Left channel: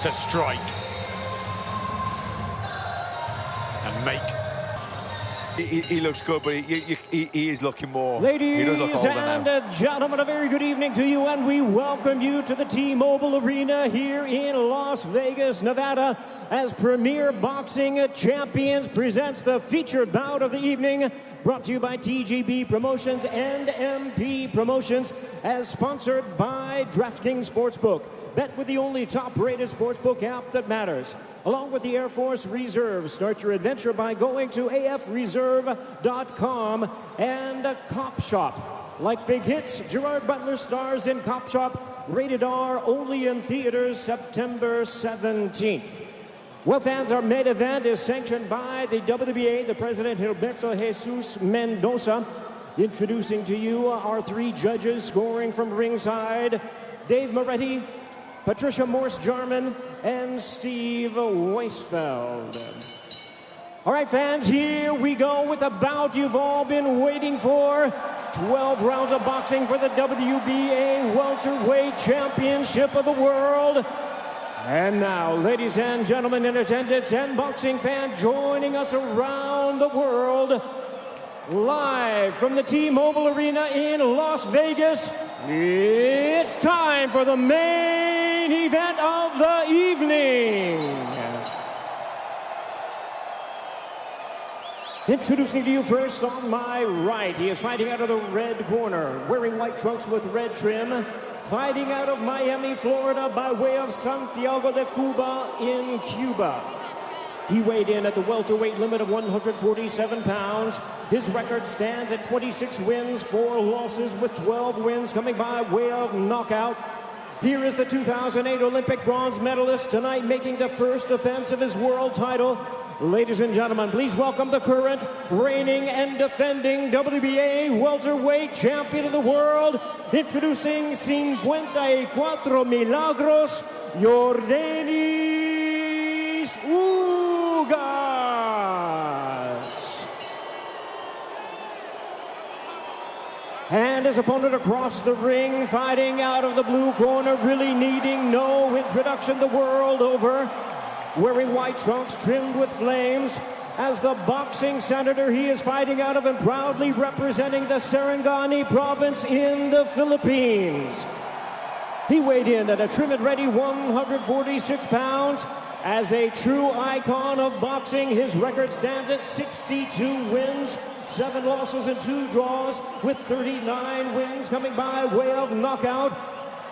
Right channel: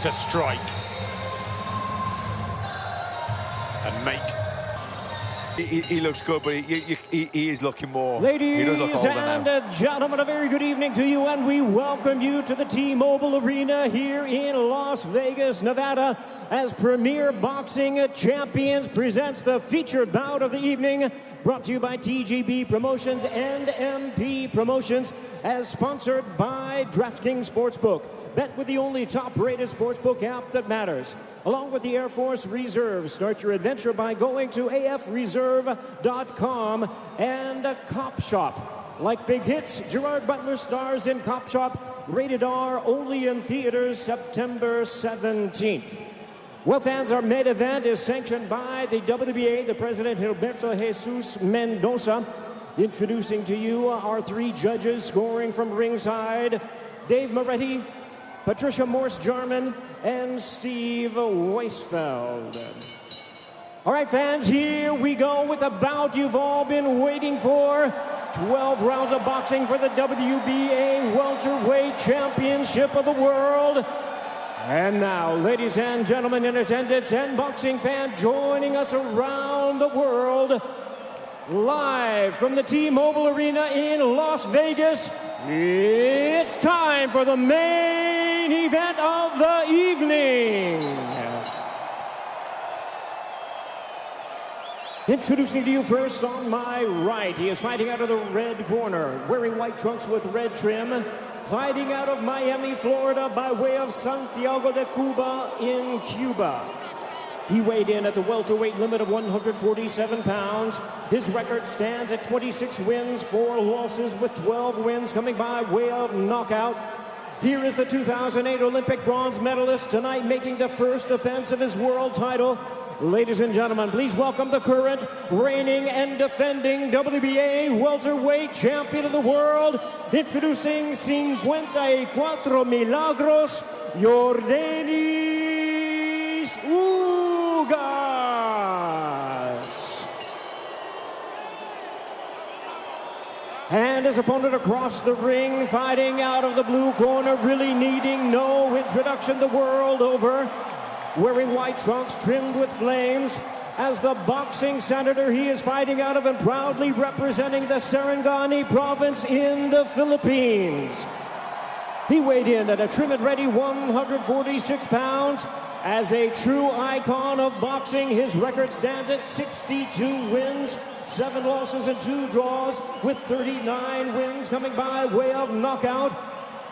to strike and make. He looks good, but he is looking more. Ladies look and gentlemen, a very good evening to you, and we welcome you to the T-Mobile Arena here in Las Vegas, Nevada, as Premier Boxing Champions presents the featured bout of the evening, brought to you by TGB Promotions and MP Promotions, as sponsored by DraftKings Sportsbook. Bet with the only top-rated sportsbook app that matters. Along with the Air Force Reserve, start your adventure by going to afreserve.com and Cop Shop. Like big hits, Gerard Butler stars in Cop Shop, rated R, only in theaters September 17th. Well, fans, our main event is sanctioned by the WBA, the President Gilberto Jesus Mendoza. Introducing to you our three judges scoring from ringside, Dave Moretti, Patricia Morse-Jarman, and Steve Weisfeld. All right, fans, here we go with the bout you've all been waiting for. 12 rounds of boxing for the WBA Welterweight Championship of the World. And now, ladies and gentlemen in attendance and boxing fans joining us around the world, live from the T-Mobile Arena in Las Vegas, it's time for the main event of the evening. Introducing to you first on my right, he is fighting out of the red corner, wearing white trunks with red trim, fighting out of Miami, Florida, by way of Santiago de Cuba in Cuba. He weighed in at the welterweight limit of 147 pounds. His record stands at 26 wins, 4 losses, with 12 wins coming by way of knockout. Here is the 2008 Olympic bronze medalist, tonight making the first defense of his world title. Ladies and gentlemen, please welcome the current, reigning and defending WBA welterweight champion of the world, introducing 54 Milagros, Yordenis Ugas. And his opponent across the ring, fighting out of the blue corner, really needing no introduction the world over, wearing white trunks trimmed with flames. As the boxing senator, he is fighting out of and proudly representing the Sarangani province in the Philippines. He weighed in at a trim and ready 146 pounds. As a true icon of boxing, his record stands at 62 wins, 7 losses and 2 draws, with 39 wins coming by way of knockout.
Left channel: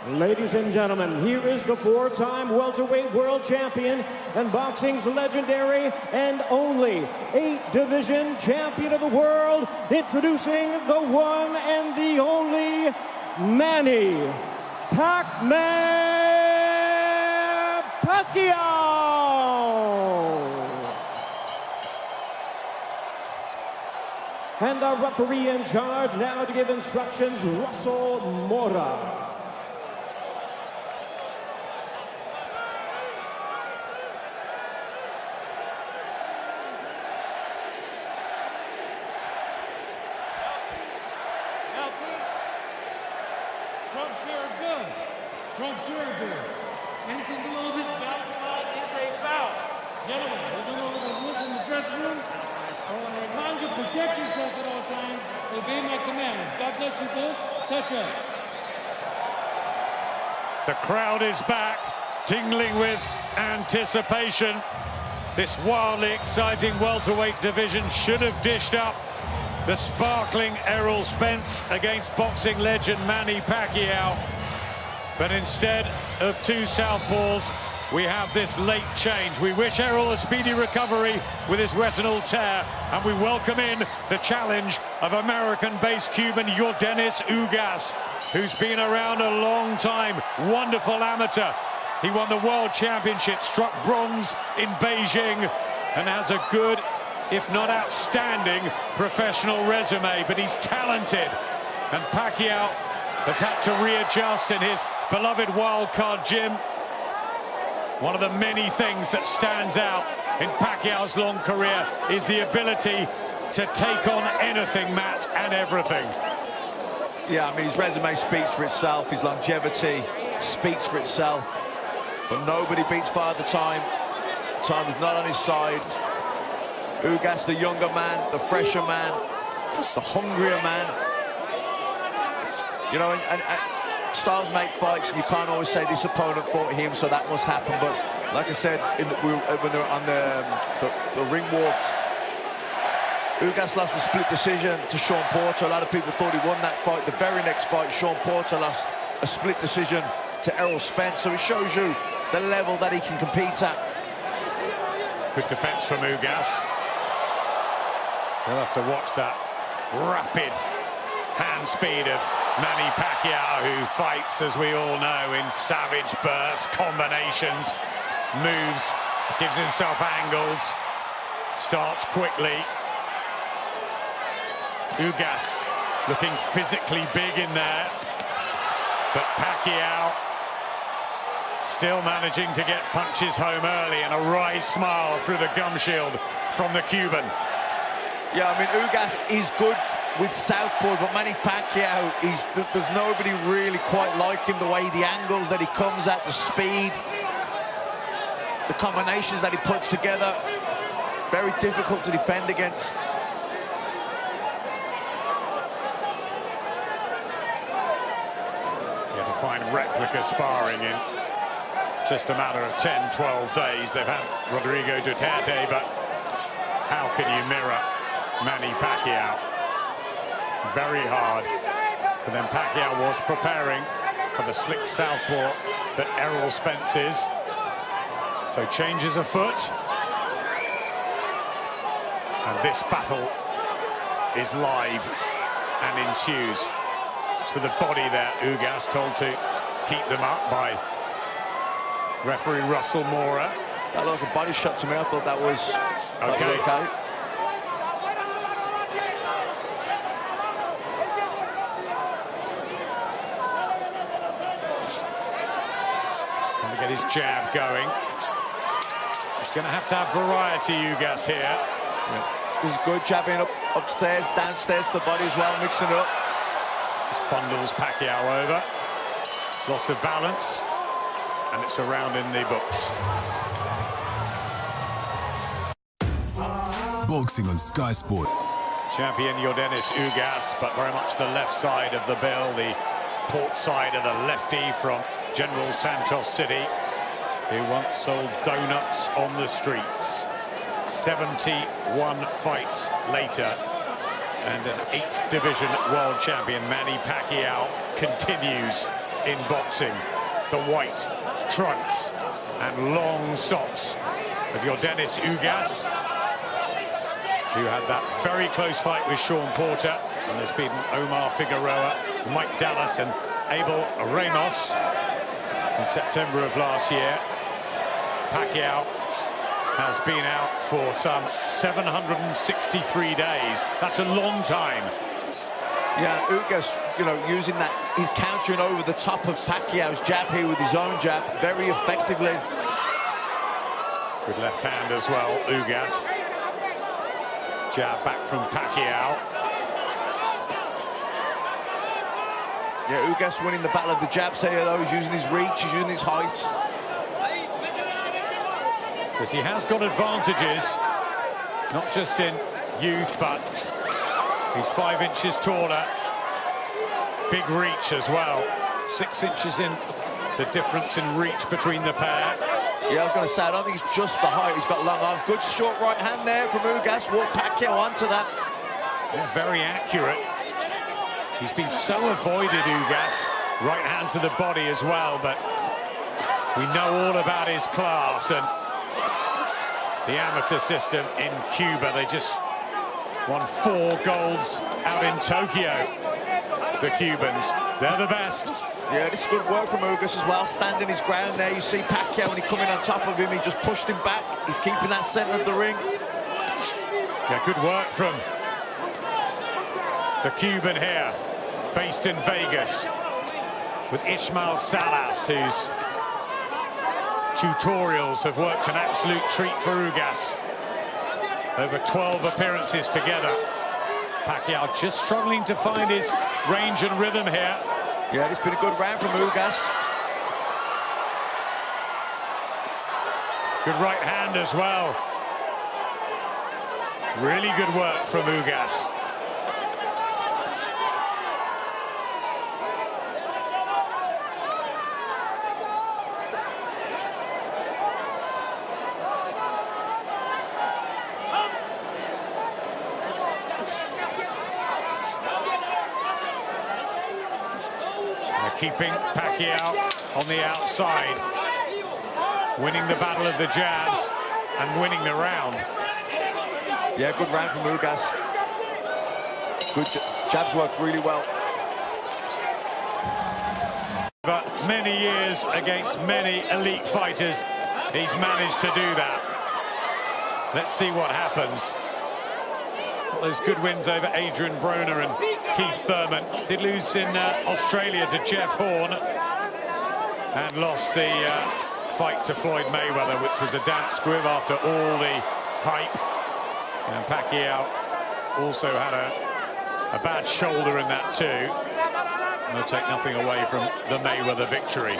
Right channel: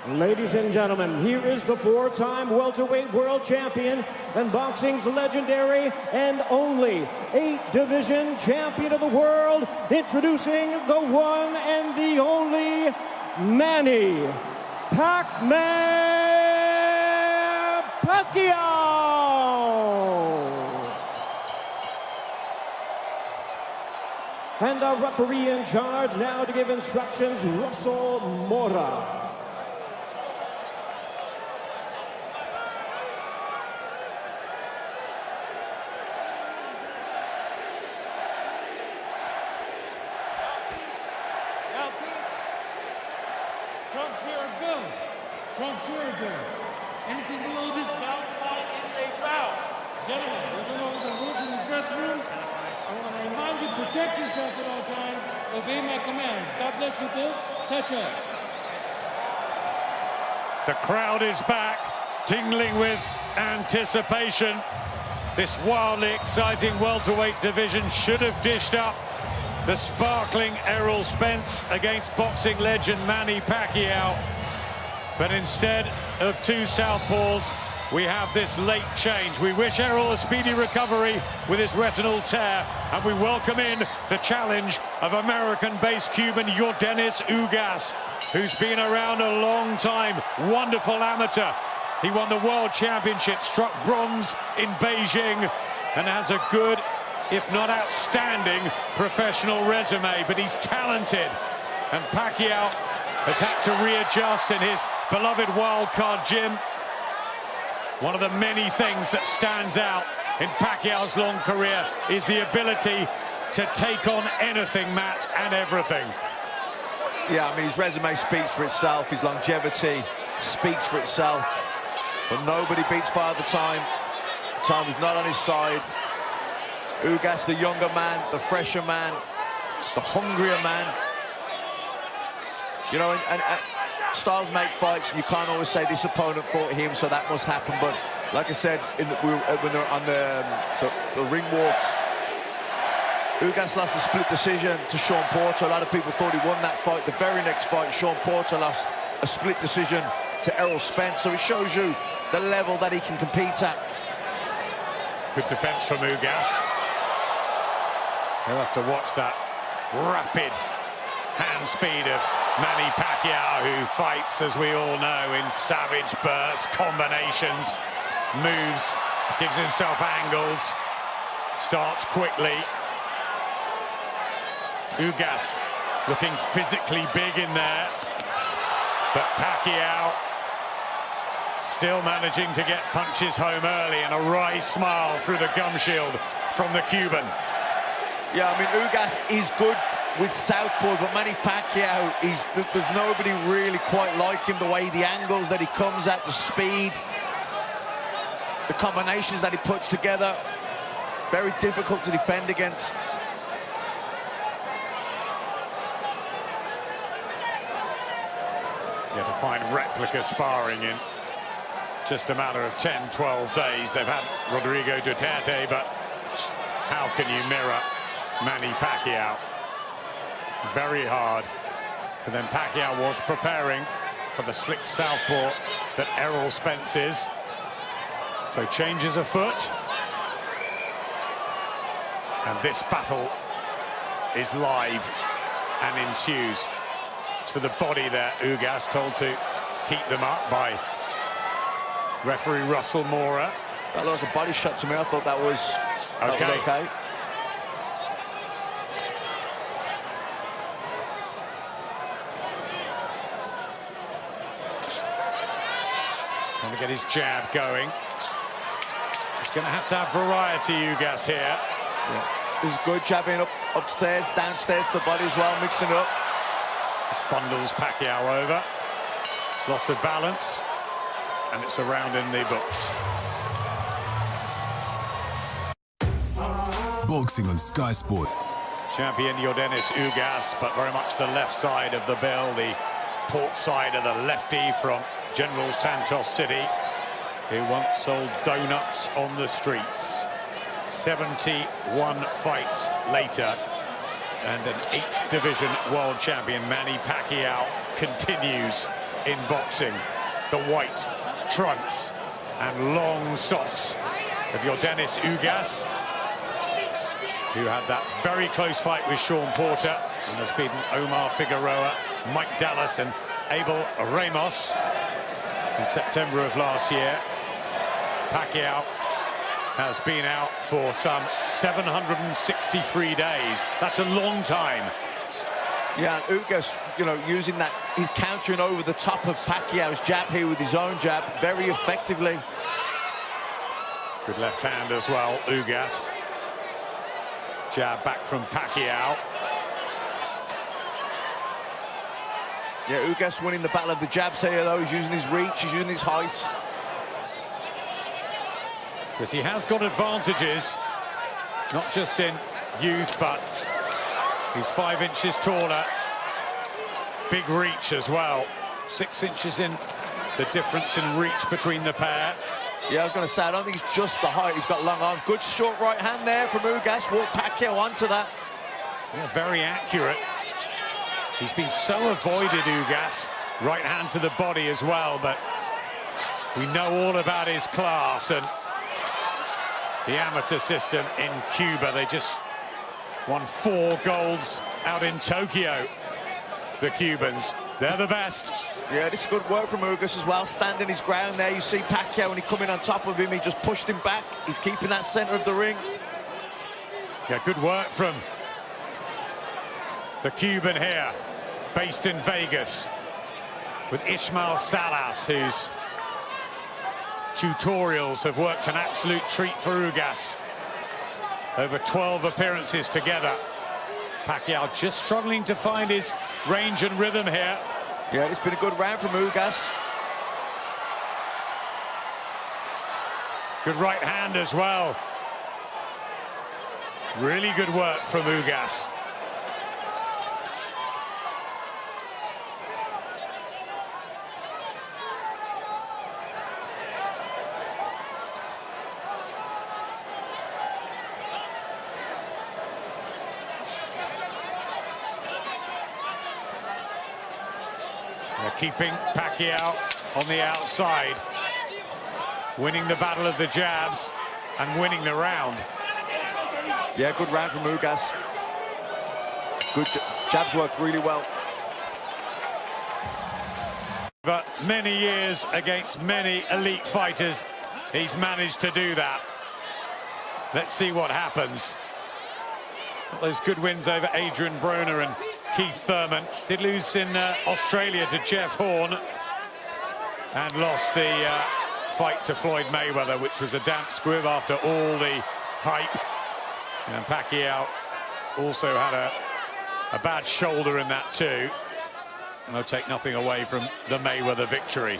Ladies and gentlemen, here is the 4-time welterweight world champion and boxing's legendary and only 8-division champion of the world, introducing the one and the only Manny Pacquiao. And our referee in charge now to give instructions, Russell Mora. Trunks here are good. Trunks here are good. Anything below this belt line is a foul. Gentlemen, we went over the rules in the dressing room. I want to remind you, protect yourself at all times. Obey my commands. God bless you both. Touch up. The crowd is back, tingling with anticipation. This wildly exciting welterweight division should have dished up the sparkling Errol Spence against boxing legend Manny Pacquiao. But instead of two southpaws, we have this late change. We wish Errol a speedy recovery with his retinal tear, and we welcome in the challenge of American-based Cuban Yordenis Ugas, who's been around a long time. Wonderful amateur. He won the World Championship, struck bronze in Beijing, and has a good, if not outstanding, professional resume. But he's talented, and Pacquiao has had to readjust in his beloved wildcard gym. One of the many things that stands out in Pacquiao's long career is the ability to take on anything, Matt, and everything. Yeah, I mean, his resume speaks for itself. His longevity speaks for itself. But nobody beats Father Time. Time is not on his side. Ugas, the younger man, the fresher man, the hungrier man. You know, and styles make fights. You can't always say this opponent fought him, so that must happen. But like I said, when they were on the ring walks, Ugas lost a split decision to Sean Porter. A lot of people thought he won that fight. The very next fight, Sean Porter lost a split decision to Errol Spence. So it shows you the level that he can compete at. Good defense from Ugas. He'll have to watch that rapid hand speed of Manny Pacquiao, who fights, as we all know, in savage bursts, combinations, moves, gives himself angles, starts quickly. Ugas looking physically big in there, but Pacquiao still managing to get punches home early, and a wry smile through the gum shield from the Cuban. Yeah, I mean, Ugas is good with southpaw, but Manny Pacquiao, there's nobody really quite like him. The way, the angles that he comes at, the speed, the combinations that he puts together, very difficult to defend against. You have to find replica sparring in just a matter of 10, 12 days. They've had Rodrigo Duterte, but how can you mirror Manny Pacquiao? Very hard. But then Pacquiao was preparing for the slick southpaw that Errol Spence is. So changes afoot. And this battle is live and ensues. To the body there, Ugas told to keep them up by referee Russell Mora. That looked like a body shot to me. I thought that was okay. Trying to get his jab going. He's going to have variety, Ugas, here. Yeah. This is good, jabbing upstairs, downstairs to the body as well, mixing it up. This bundles Pacquiao over. Loss of balance. And it's around in the books. Boxing on Sky Sport. Champion Yordenis Ugas, but very much the left side of the bill, the port side of the lefty from General Santos City, who once sold donuts on the streets. 71 fights later, and an 8th division world champion, Manny Pacquiao, continues in boxing. The white trunks and long socks of Yordenis Ugas, who had that very close fight with Sean Porter and has beaten Omar Figueroa, Mike Dallas and Abel Ramos in September of last year. Pacquiao has been out for some 763 days. That's a long time. Yeah, Ugas, you know, using that, he's countering over the top of Pacquiao's jab here with his own jab very effectively. Good left hand as well, Ugas. Jab back from Pacquiao. Yeah, Ugas winning the battle of the jabs here, though. He's using his reach, he's using his height. Because he has got advantages, not just in youth, but he's 5 inches taller. Big reach as well. 6 inches in the difference in reach between the pair. Yeah, I was going to say, I don't think it's just the height. He's got long arms. Good short right hand there from Ugas. Walked Pacquiao onto that. Yeah, very accurate. He's been so avoided, Ugas. Right hand to the body as well, but we know all about his class and the amateur system in Cuba. They just won 4 golds out in Tokyo, the Cubans. They're the best. Yeah, this is good work from Ugas as well, standing his ground there. You see Pacquiao, when he come in on top of him, he just pushed him back. He's keeping that center of the ring. Yeah, good work from the Cuban here, based in Vegas, with Ismael Salas, whose tutorials have worked an absolute treat for Ugas. Over 12 appearances together. Pacquiao just struggling to find his range and rhythm here. Yeah, it's been a good round from Ugas. Good right hand as well. Really good work from Ugas. They're keeping Pacquiao on the outside, winning the battle of the jabs and winning the round. Yeah, good round from Ugas. Good jabs worked really well. But many years against many elite fighters, he's managed to do that. Let's see what happens. Got those good wins over Adrian Broner and Keith Thurman. Did lose in Australia to Jeff Horn and lost the fight to Floyd Mayweather, which was a damp squib after all the hype. And Pacquiao also had a bad shoulder in that too. No, take nothing away from the Mayweather victory.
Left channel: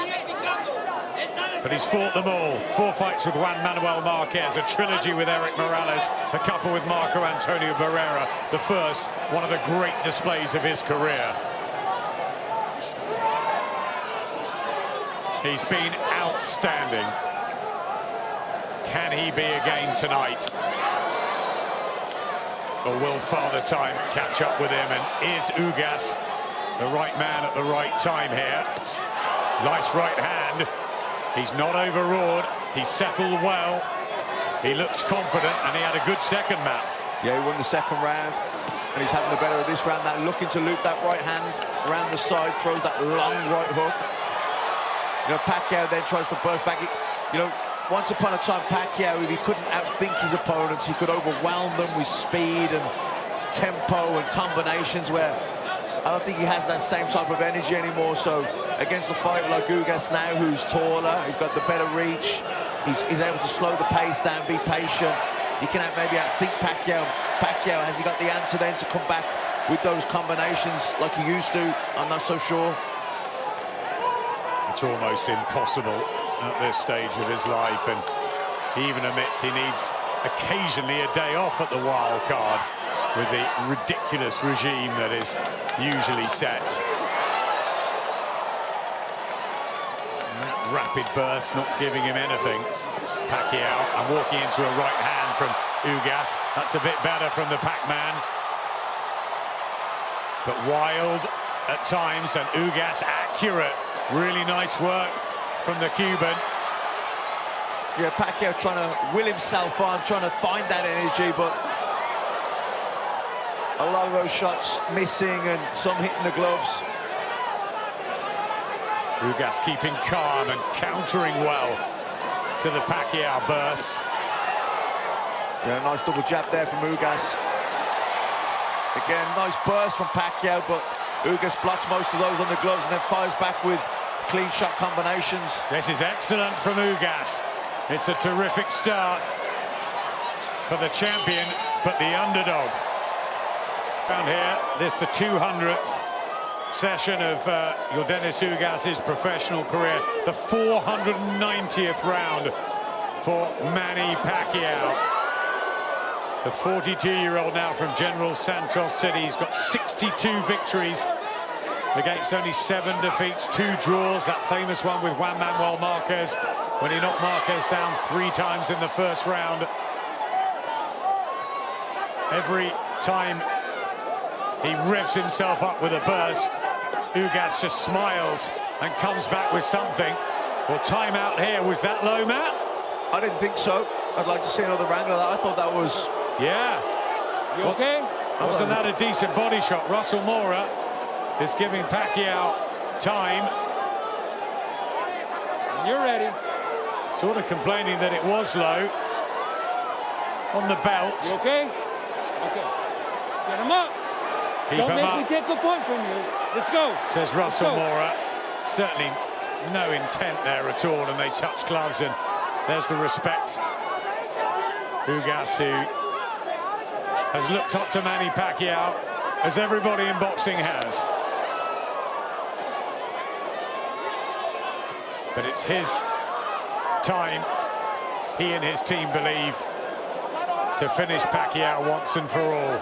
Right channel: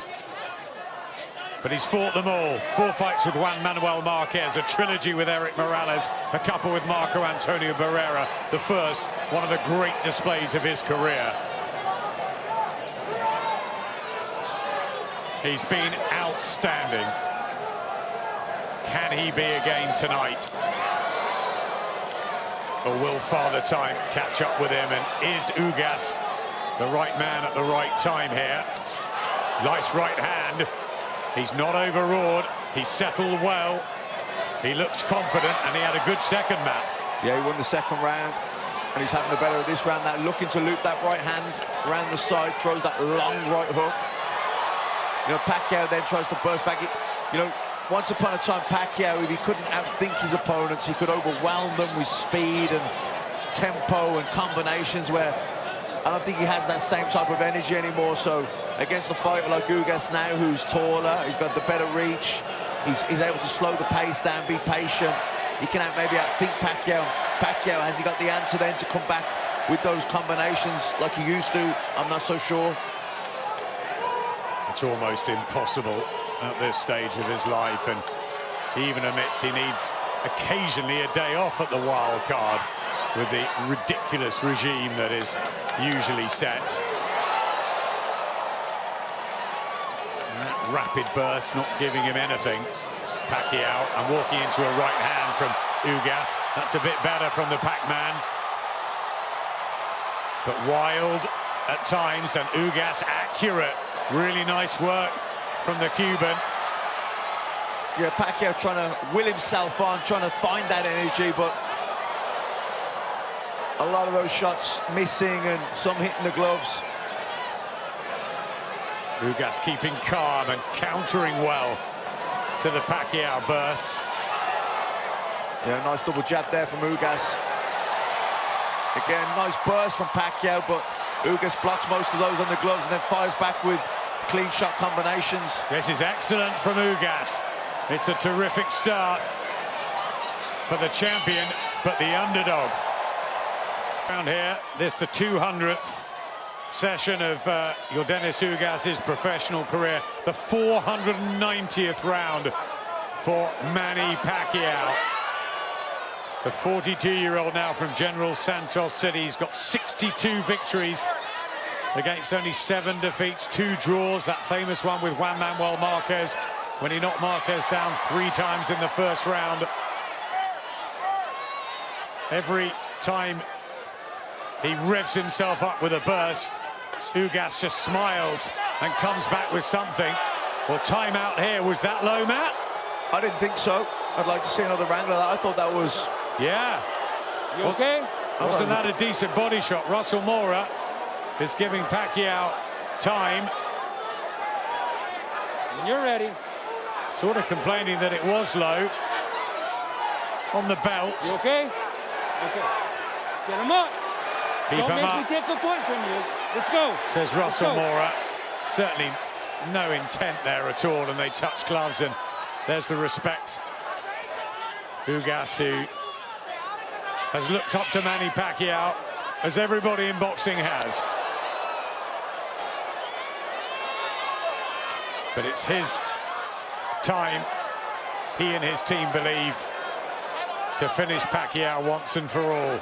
But he's fought them all. 4 fights with Juan Manuel Marquez, a trilogy with Eric Morales, a couple with Marco Antonio Barrera, the first, one of the great displays of his career. He's been outstanding. Can he be again tonight? Or will Father Time catch up with him? And is Ugas the right man at the right time here? Nice right hand. He's not overawed. He's settled well. He looks confident, and he had a good second map. Yeah, he won the second round, and he's having the better of this round. That looking to loop that right hand around the side, throws that long right hook. You know, Pacquiao then tries to burst back. You know, once upon a time, Pacquiao, if he couldn't outthink his opponents, he could overwhelm them with speed and tempo and combinations, where I don't think he has that same type of energy anymore. So against a fighter like Ugas now, who's taller, he's got the better reach, he's able to slow the pace down, be patient. He can maybe outthink Pacquiao. Pacquiao, has he got the answer then to come back with those combinations like he used to? I'm not so sure. It's almost impossible at this stage of his life, and he even admits he needs occasionally a day off at the wild card with the ridiculous regime that is usually set. And that rapid burst not giving him anything. Pacquiao, and walking into a right hand from Ugas. That's a bit better from the Pac-Man. But wild at times, and Ugas accurate. Really nice work from the Cuban. Yeah, Pacquiao trying to will himself on, trying to find that energy, but a lot of those shots missing and some hitting the gloves. Ugas keeping calm and countering well to the Pacquiao bursts. Yeah, nice double jab there from Ugas. Again, nice burst from Pacquiao, but Ugas blocks most of those on the gloves and then fires back with clean shot combinations. This is excellent from Ugas. It's a terrific start for the champion, but the underdog. Around here, this the 200th session of Yordenis Ugas' professional career, the 490th round for Manny Pacquiao. The 42-year-old now from General Santos City. He's got 62 victories against only 7 defeats, 2 draws. That famous one with Juan Manuel Marquez when he knocked Marquez down 3 times in the first round. Every time he revs himself up with a burst, Ugas just smiles and comes back with something. Well, time out here. Was that low, Matt? I didn't think so. I'd like to see another angle of that. I thought that was... Yeah. You okay? Wasn't that a decent body shot? Russell Mora is giving Pacquiao time. When you're ready. Sort of complaining that it was low on the belt. You okay? Okay. Get him up. Don't make me take a point from you. Let's go. Says Russell Mora. Certainly no intent there at all, and they touch gloves, and there's the respect. Ugas, who has looked up to Manny Pacquiao, as everybody in boxing has. But it's his time he and his team believe, to finish Pacquiao once and for all.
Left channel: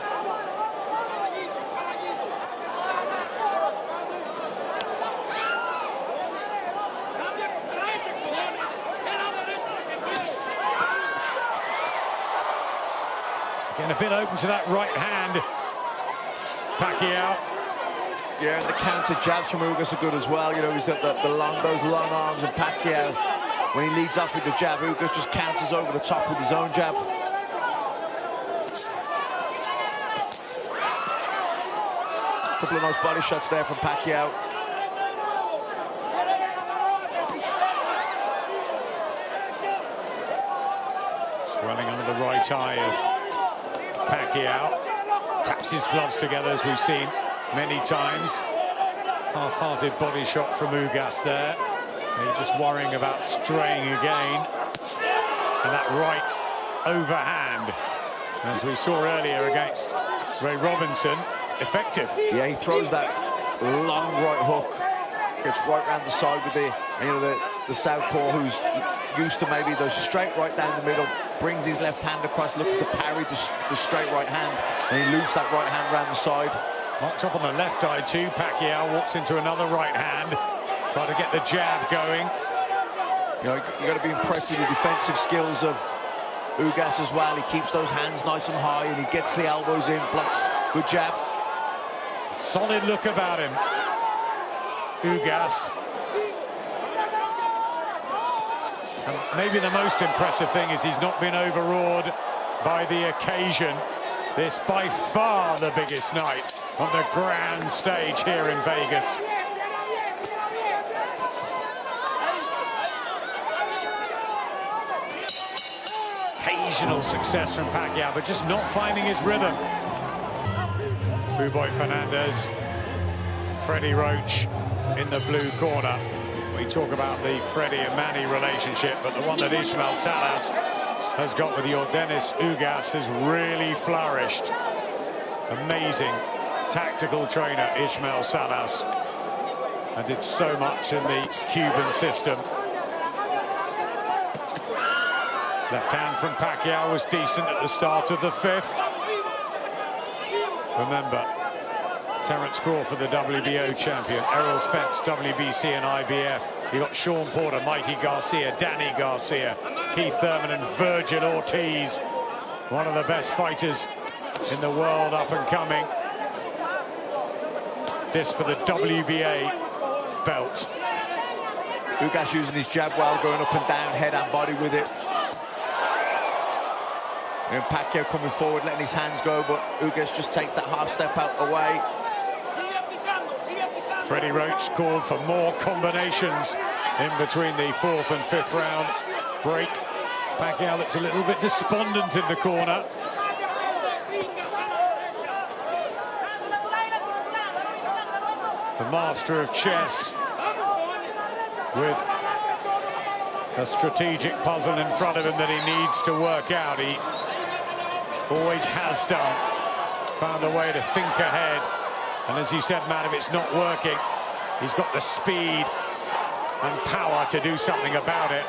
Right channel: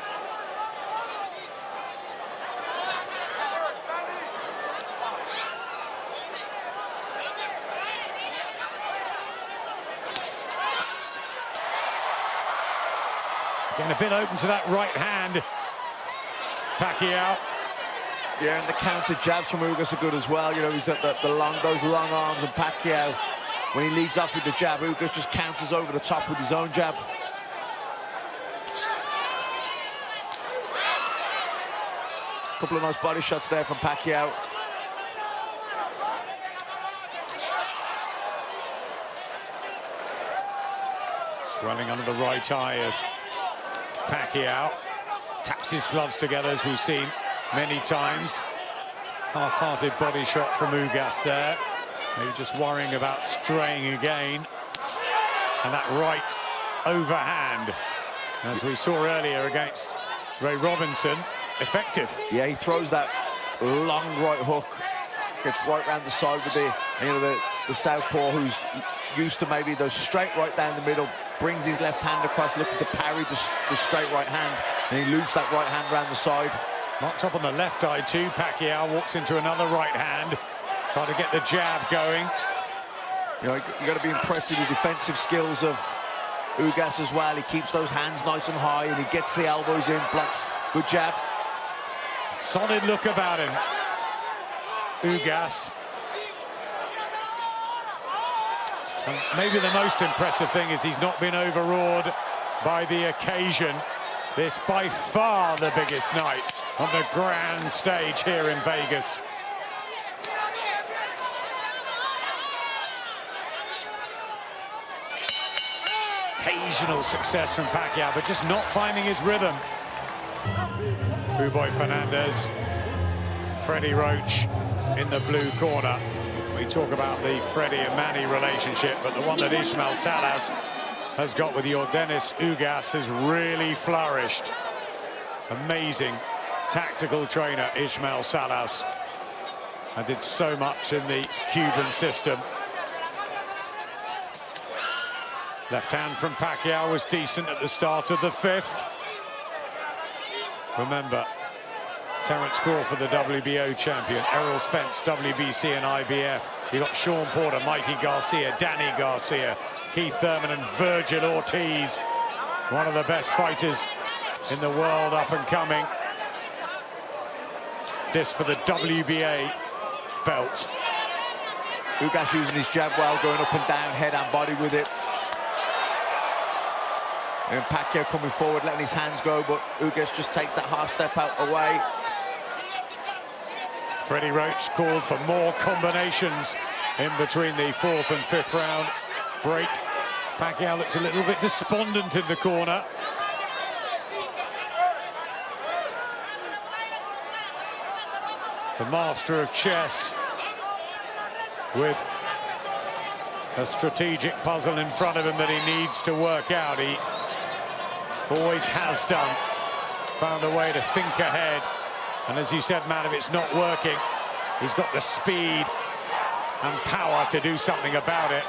Getting a bit open to that right hand, Pacquiao. Yeah, and the counter jabs from Ugas are good as well. You know, he's got those long arms, and Pacquiao, when he leads off with the jab, Ugas just counters over the top with his own jab. A couple of nice body shots there from Pacquiao. Swelling under the right eye of Pacquiao. Taps his gloves together, as we've seen many times. Half-hearted body shot from Ugas there. Maybe just worrying about straying again. And that right overhand, as we saw earlier against Ray Robinson, effective. Yeah, he throws that long right hook, gets right round the side with the, you know, the southpaw, who's used to maybe the straight right down the middle, brings his left hand across, looking to parry the straight right hand, and he loops that right hand round the side. Marked up on the left eye too. Pacquiao walks into another right hand, try to get the jab going. You know, you got to be impressed with the defensive skills of Ugas as well. He keeps those hands nice and high, and he gets the elbows in, blocks. Good jab. Solid look about him, Ugas. And maybe the most impressive thing is he's not been overawed by the occasion. This by far the biggest night on the grand stage here in Vegas. Occasional success from Pacquiao, but just not finding his rhythm. Boy Fernandez, Freddie Roach in the blue corner. We talk about the Freddie and Manny relationship, but the one that Ismael Salas has got with Yordenis Ugas has really flourished. Amazing tactical trainer, Ismael Salas, and did so much in the Cuban system. Left hand from Pacquiao was decent at the start of the fifth. Remember, Terence Crawford, the WBO champion, Errol Spence, WBC and IBF. You got Sean Porter, Mikey Garcia, Danny Garcia, Keith Thurman and Virgil Ortiz. One of the best fighters in the world up and coming. This for the WBA belt. Ugas using his jab well, going up and down, head and body with it. And Pacquiao coming forward, letting his hands go, but Ugas just takes that half step out away. Freddie Roach called for more combinations in between the fourth and fifth round break. Pacquiao looked a little bit despondent in the corner. The master of chess with a strategic puzzle in front of him that he needs to work out. He always has done. Found a way to think ahead. And as you said, Matt, if it's not working, he's got the speed and power to do something about it.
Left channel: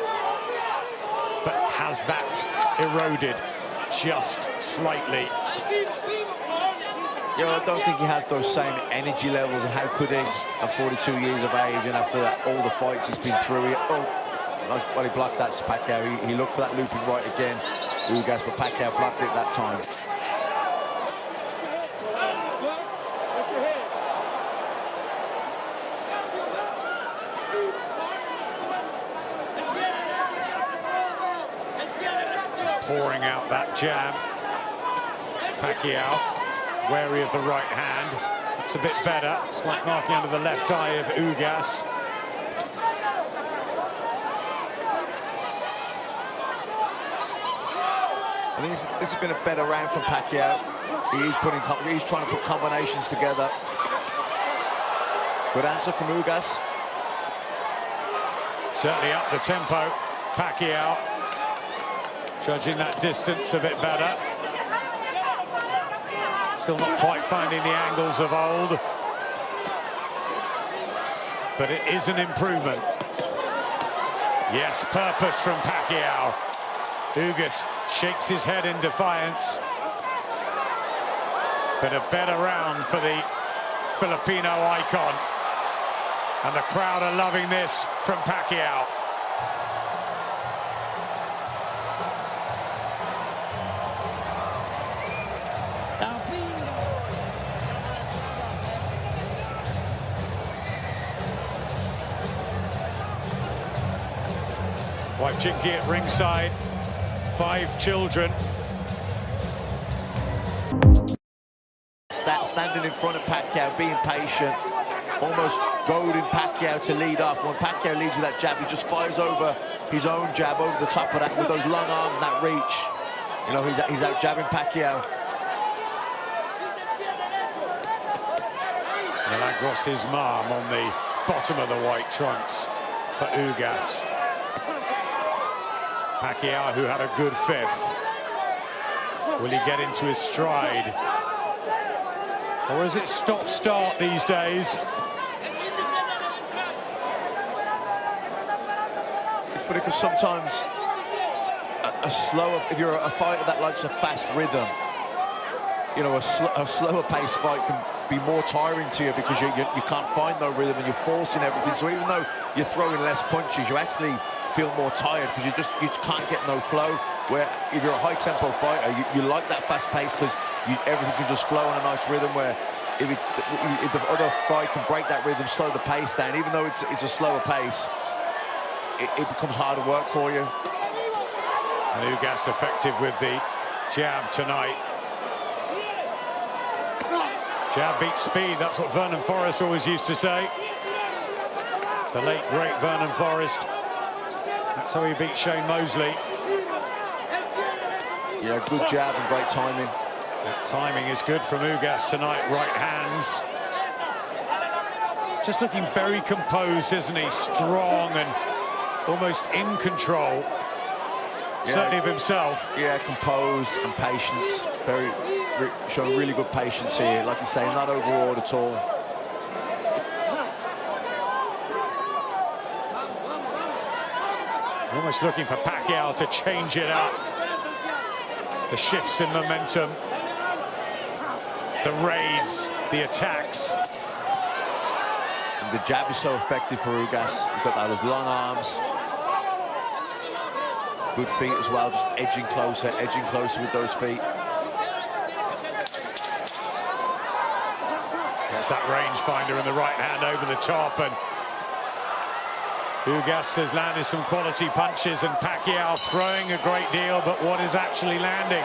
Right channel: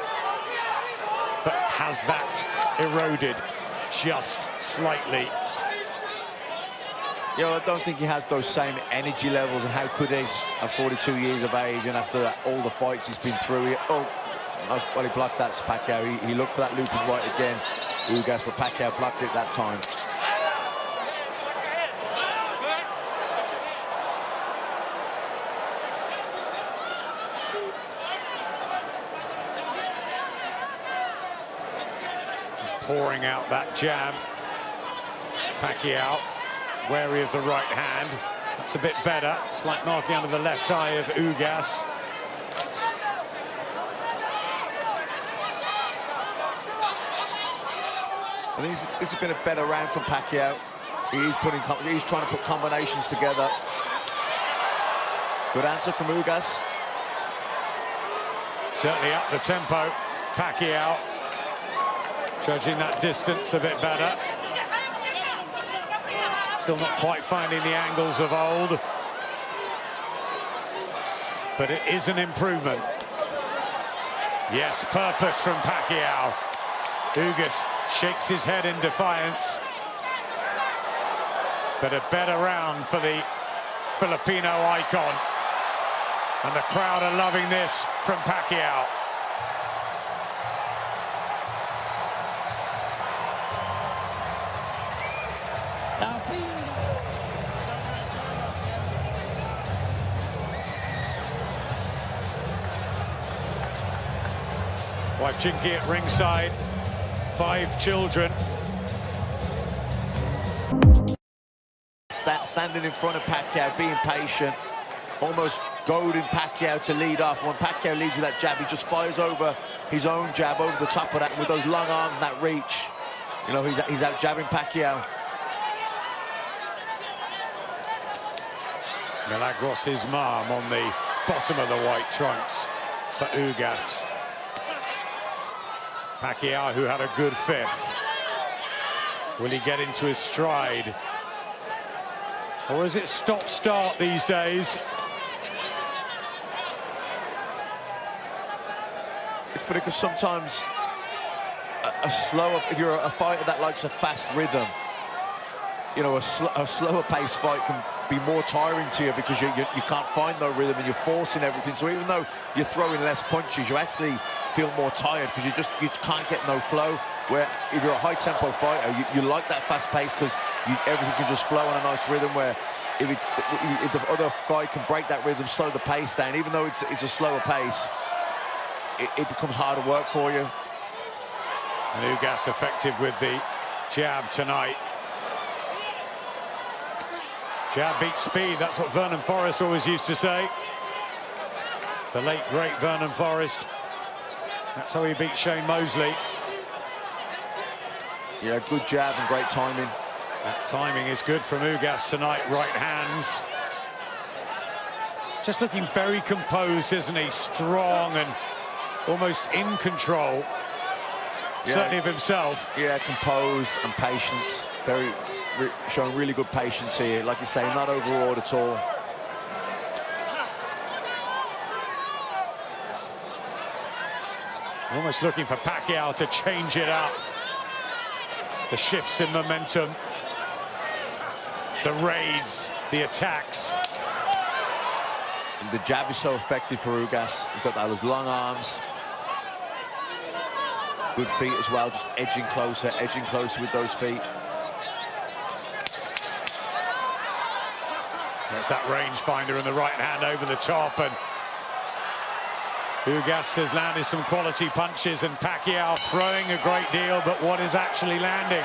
But has that eroded just slightly? Yeah, I don't think he has those same energy levels, and how could he at 42 years of age and after that, all the fights he's been through? Nice, well, he blocked that, Pacquiao. He looked for that looping right again, Ugas, but Pacquiao blocked it that time. Pouring out that jab. Pacquiao wary of the right hand. That's a bit better. Slight marking under the left eye of Ugas. I think this has been a better round from Pacquiao. He's trying to put combinations together. Good answer from Ugas. Certainly up the tempo. Pacquiao judging that distance a bit better. Still not quite finding the angles of old, but it is an improvement. Yes, purpose from Pacquiao. Ugas shakes his head in defiance. But a better round for the Filipino icon. And the crowd are loving this from Pacquiao. Wife Chinky at ringside, 5 children. Standing in front of Pacquiao, being patient, almost goading Pacquiao to lead off. When Pacquiao leads with that jab, he just fires over his own jab, over the top of that, and with those long arms and that reach, you know, he's out jabbing Pacquiao. Milagros' mom on the bottom of the white trunks for Ugas. Pacquiao, who had a good 5th. Will he get into his stride? Or is it stop-start these days? It's funny because sometimes a slower, if you're a fighter that likes a fast rhythm, you know, a slower paced fight can be more tiring to you because you can't find no rhythm and you're forcing everything. So even though you're throwing less punches, you actually feel more tired because you can't get no flow. Where if you're a high tempo fighter, you like that fast pace because everything can just flow on a nice rhythm. Where if the other guy can break that rhythm, slow the pace down, even though it's a slower pace, it becomes harder work for you. And Ugas effective with the jab tonight. Jab beats speed, that's what Vernon Forrest always used to say. The late, great Vernon Forrest. That's how he beat Shane Mosley. Yeah, good jab and great timing. That timing is good from Ugas tonight, right hands. Just looking very composed, isn't he? Strong and almost in control. Yeah, certainly of himself. Yeah, composed and patience. Showing really good patience here. Like you say, not overawed at all. Almost looking for Pacquiao to change it up. The shifts in momentum, the raids, the attacks. And the jab is so effective for Ugas. He's got those long arms. Good feet as well, just edging closer with those feet. There's that rangefinder in the right hand over the top, and Ugas has landed some quality punches, and Pacquiao throwing a great deal, but what is actually landing?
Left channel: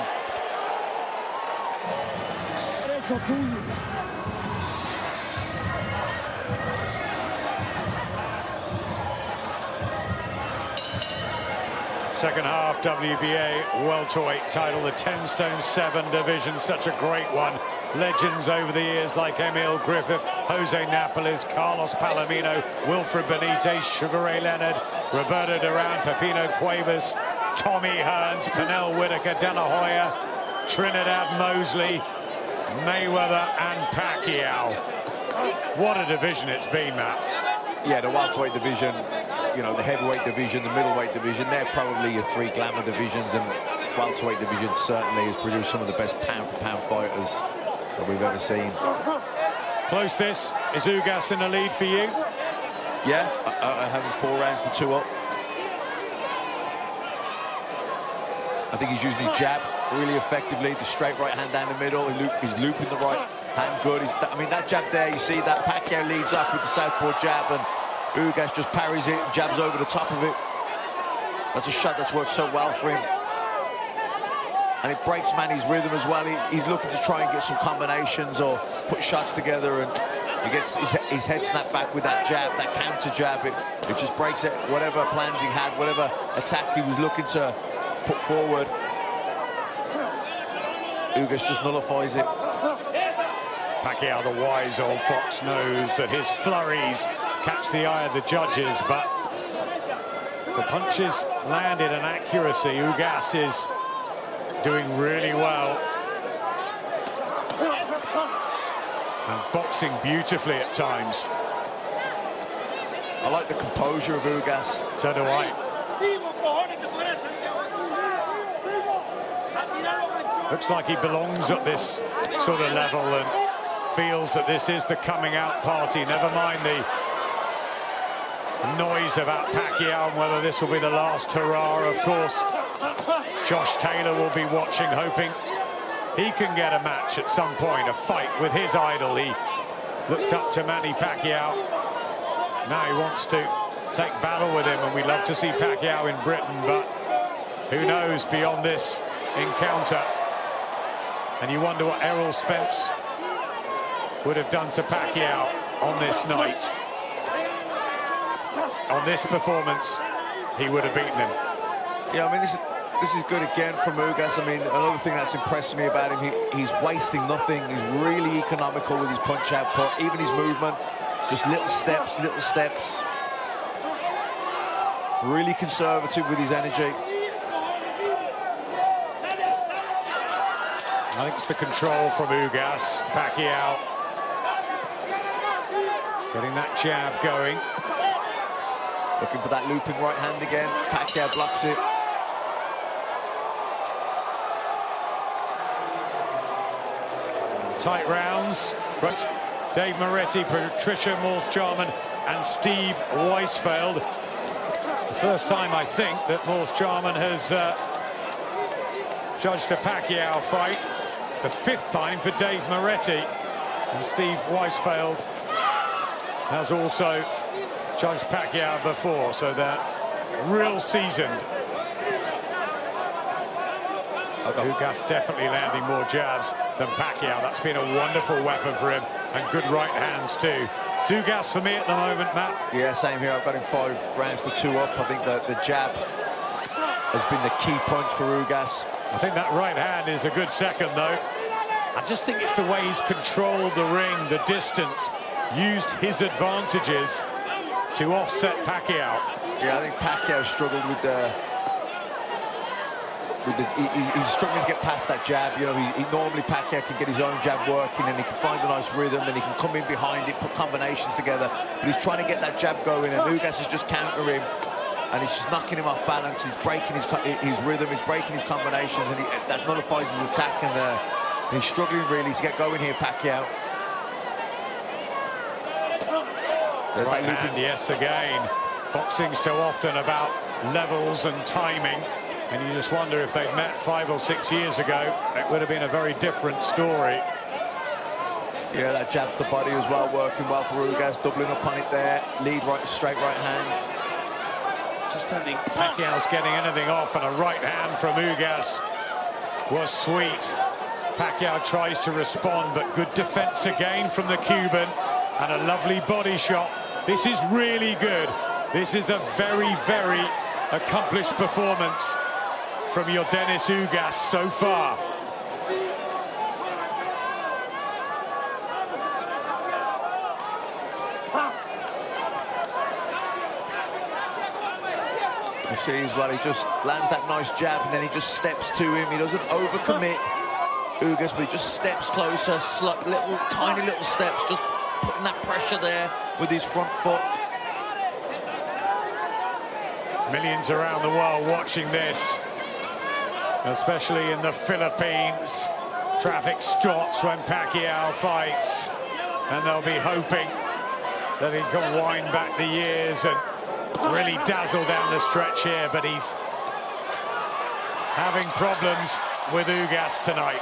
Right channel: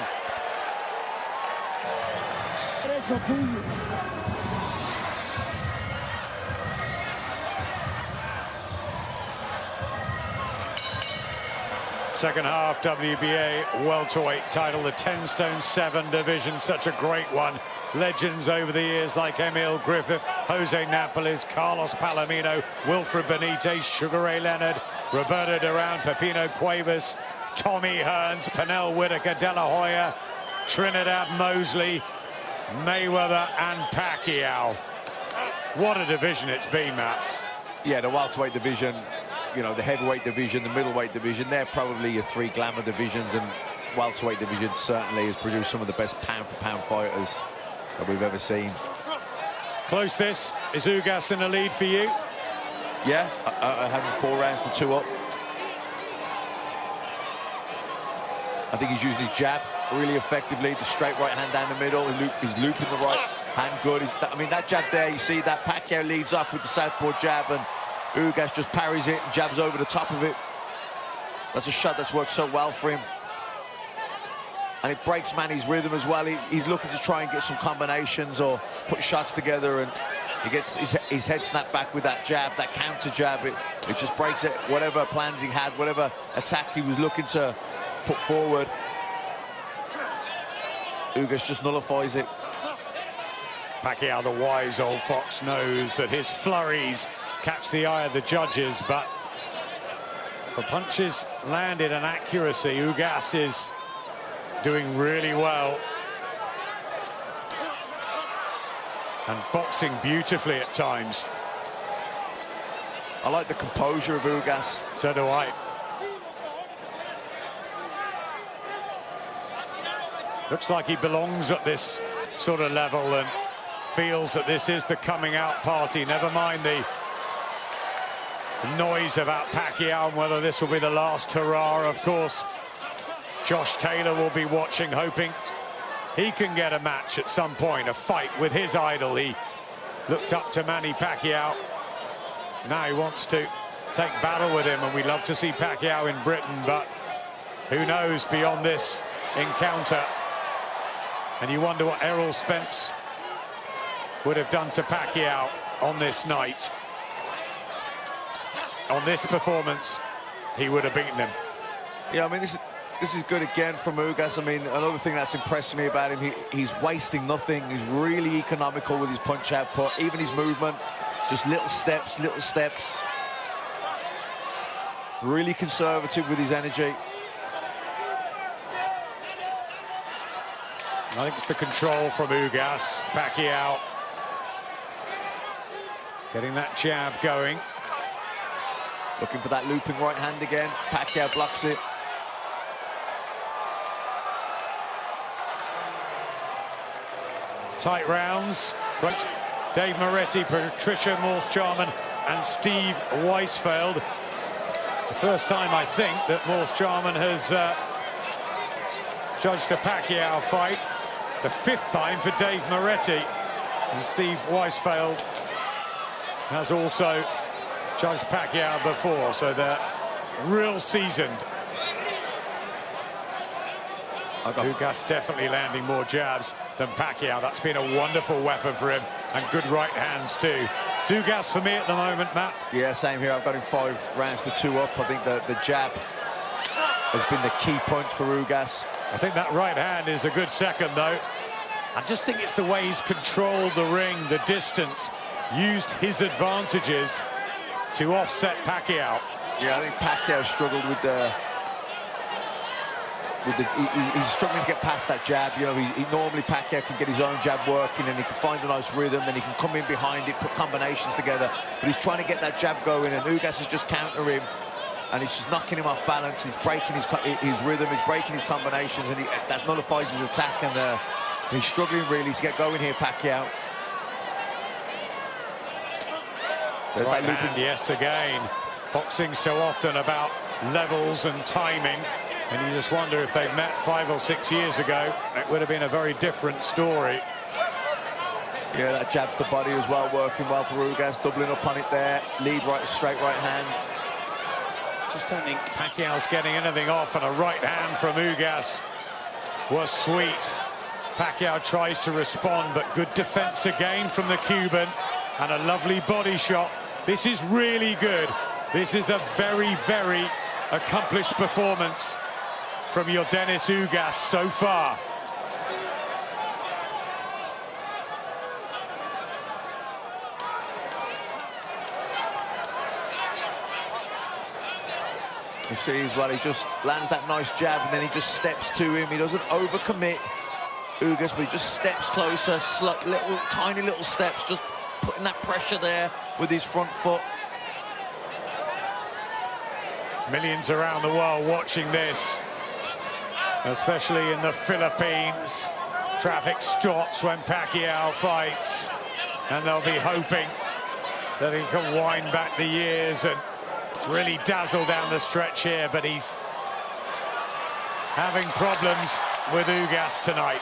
Second half WBA welterweight title, the 10 stone 7 division, such a great one. Legends over the years like Emil Griffith, Jose Napoles, Carlos Palomino, Wilfred Benitez, Sugar Ray Leonard, Roberto Duran, Pepino Cuevas, Tommy Hearns, Pernell Whitaker, De La Hoya, Trinidad Mosley, Mayweather and Pacquiao. What a division it's been, Matt. Yeah, the welterweight division, you know, the heavyweight division, the middleweight division, they're probably your 3 glamour divisions, and welterweight division certainly has produced some of the best pound-for-pound fighters that we've ever seen. Close this. Is Ugas in the lead for you? Yeah, having 4 rounds to 2 up. I think he's using his jab really effectively, the straight right hand down the middle. He's looping the right hand good. I mean, that jab there, you see that Pacquiao leads off with the southpaw jab, and Ugas just parries it and jabs over the top of it. That's a shot that's worked so well for him. And it breaks Manny's rhythm as well. He's looking to try and get some combinations or put shots together, and he gets his head snapped back with that jab, that counter jab. It just breaks it, whatever plans he had, whatever attack he was looking to put forward. Ugas just nullifies it. Pacquiao, the wise old fox, knows that his flurries catch the eye of the judges, but for punches landed and accuracy, Ugas is doing really well. And boxing beautifully at times. I like the composure of Ugas. So do I. Looks like he belongs at this sort of level and feels that this is the coming out party. Never mind the noise about Pacquiao and whether this will be the last hurrah. Of course, Josh Taylor will be watching, hoping he can get a match at some point, a fight with his idol. He looked up to Manny Pacquiao. Now he wants to take battle with him, and we'd love to see Pacquiao in Britain, but who knows beyond this encounter. And you wonder what Errol Spence would have done to Pacquiao on this night. On this performance, he would have beaten him. Yeah, I mean, this is good again from Ugas. I mean, another thing that's impressed me about him, he's wasting nothing. He's really economical with his punch output, even his movement. Just little steps, little steps. Really conservative with his energy. I think it's the control from Ugas. Pacquiao getting that jab going. Looking for that looping right hand again. Pacquiao blocks it. Tight rounds. Right. Dave Moretti, Patricia Morse-Charman and Steve Weisfeld. The first time, I think, that Morse-Charman has judged a Pacquiao fight. The fifth time for Dave Moretti. And Steve Weisfeld has also judged Pacquiao before, so they're real seasoned. Ugas definitely landing more jabs than Pacquiao. That's been a wonderful weapon for him, and good right hands too. It's Ugas for me at the moment, Matt. Yeah, same here. I've got him 5 rounds to 2 up. I think the jab has been the key punch for Ugas. I think that right hand is a good second, though. I just think it's the way he's controlled the ring, the distance, used his advantages to offset Pacquiao. Yeah, I think Pacquiao struggled with the... he's struggling to get past that jab. You know, normally Pacquiao can get his own jab working and he can find a nice rhythm, then he can come in behind it, put combinations together. But he's trying to get that jab going, and Ugas is just countering him, and he's just knocking him off balance. He's breaking his rhythm, he's breaking his combinations, and that nullifies his attack. And he's struggling really to get going here, Pacquiao. Right hand, yes, again. Boxing so often about levels and timing. And you just wonder if they'd met 5 or 6 years ago, it would have been a very different story. Yeah, that jab to the body as well, working well for Ugas, doubling up on it there. Lead right, straight right hand. Just don't think Pacquiao's getting anything off, and a right hand from Ugas was sweet. Pacquiao tries to respond, but good defense again from the Cuban, and a lovely body shot. This is really good. This is a very, very accomplished performance from Yordenis Ugas so far. You see as well, he just lands that nice jab and then he just steps to him. He doesn't overcommit, Ugas, but he just steps closer, little tiny little steps, just putting that pressure there with his front foot. Millions around the world watching this, especially in the Philippines. Traffic stops when Pacquiao fights, and they'll be hoping that he can wind back the years and really dazzle down the stretch here, but he's having problems with Ugas tonight.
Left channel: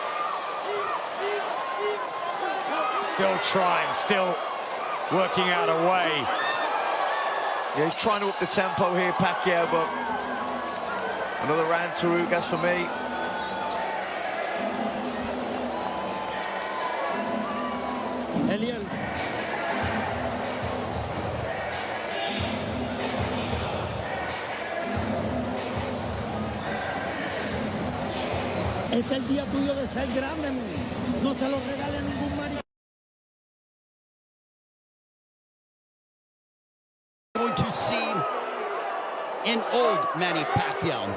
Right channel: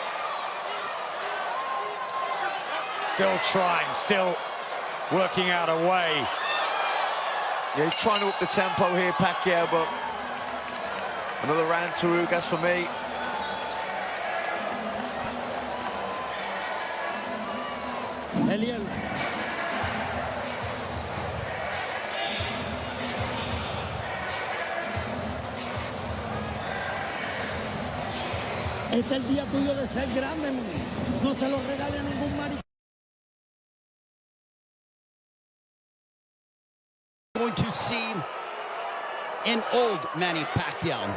Still trying, still working out a way. Yeah, he's trying to up the tempo here, Pacquiao, but another round to Ugas for me. Eliel. Este es el día tuyo de ser grande, men. No se lo regale a ningún maricón. Going to see an old Manny Pacquiao.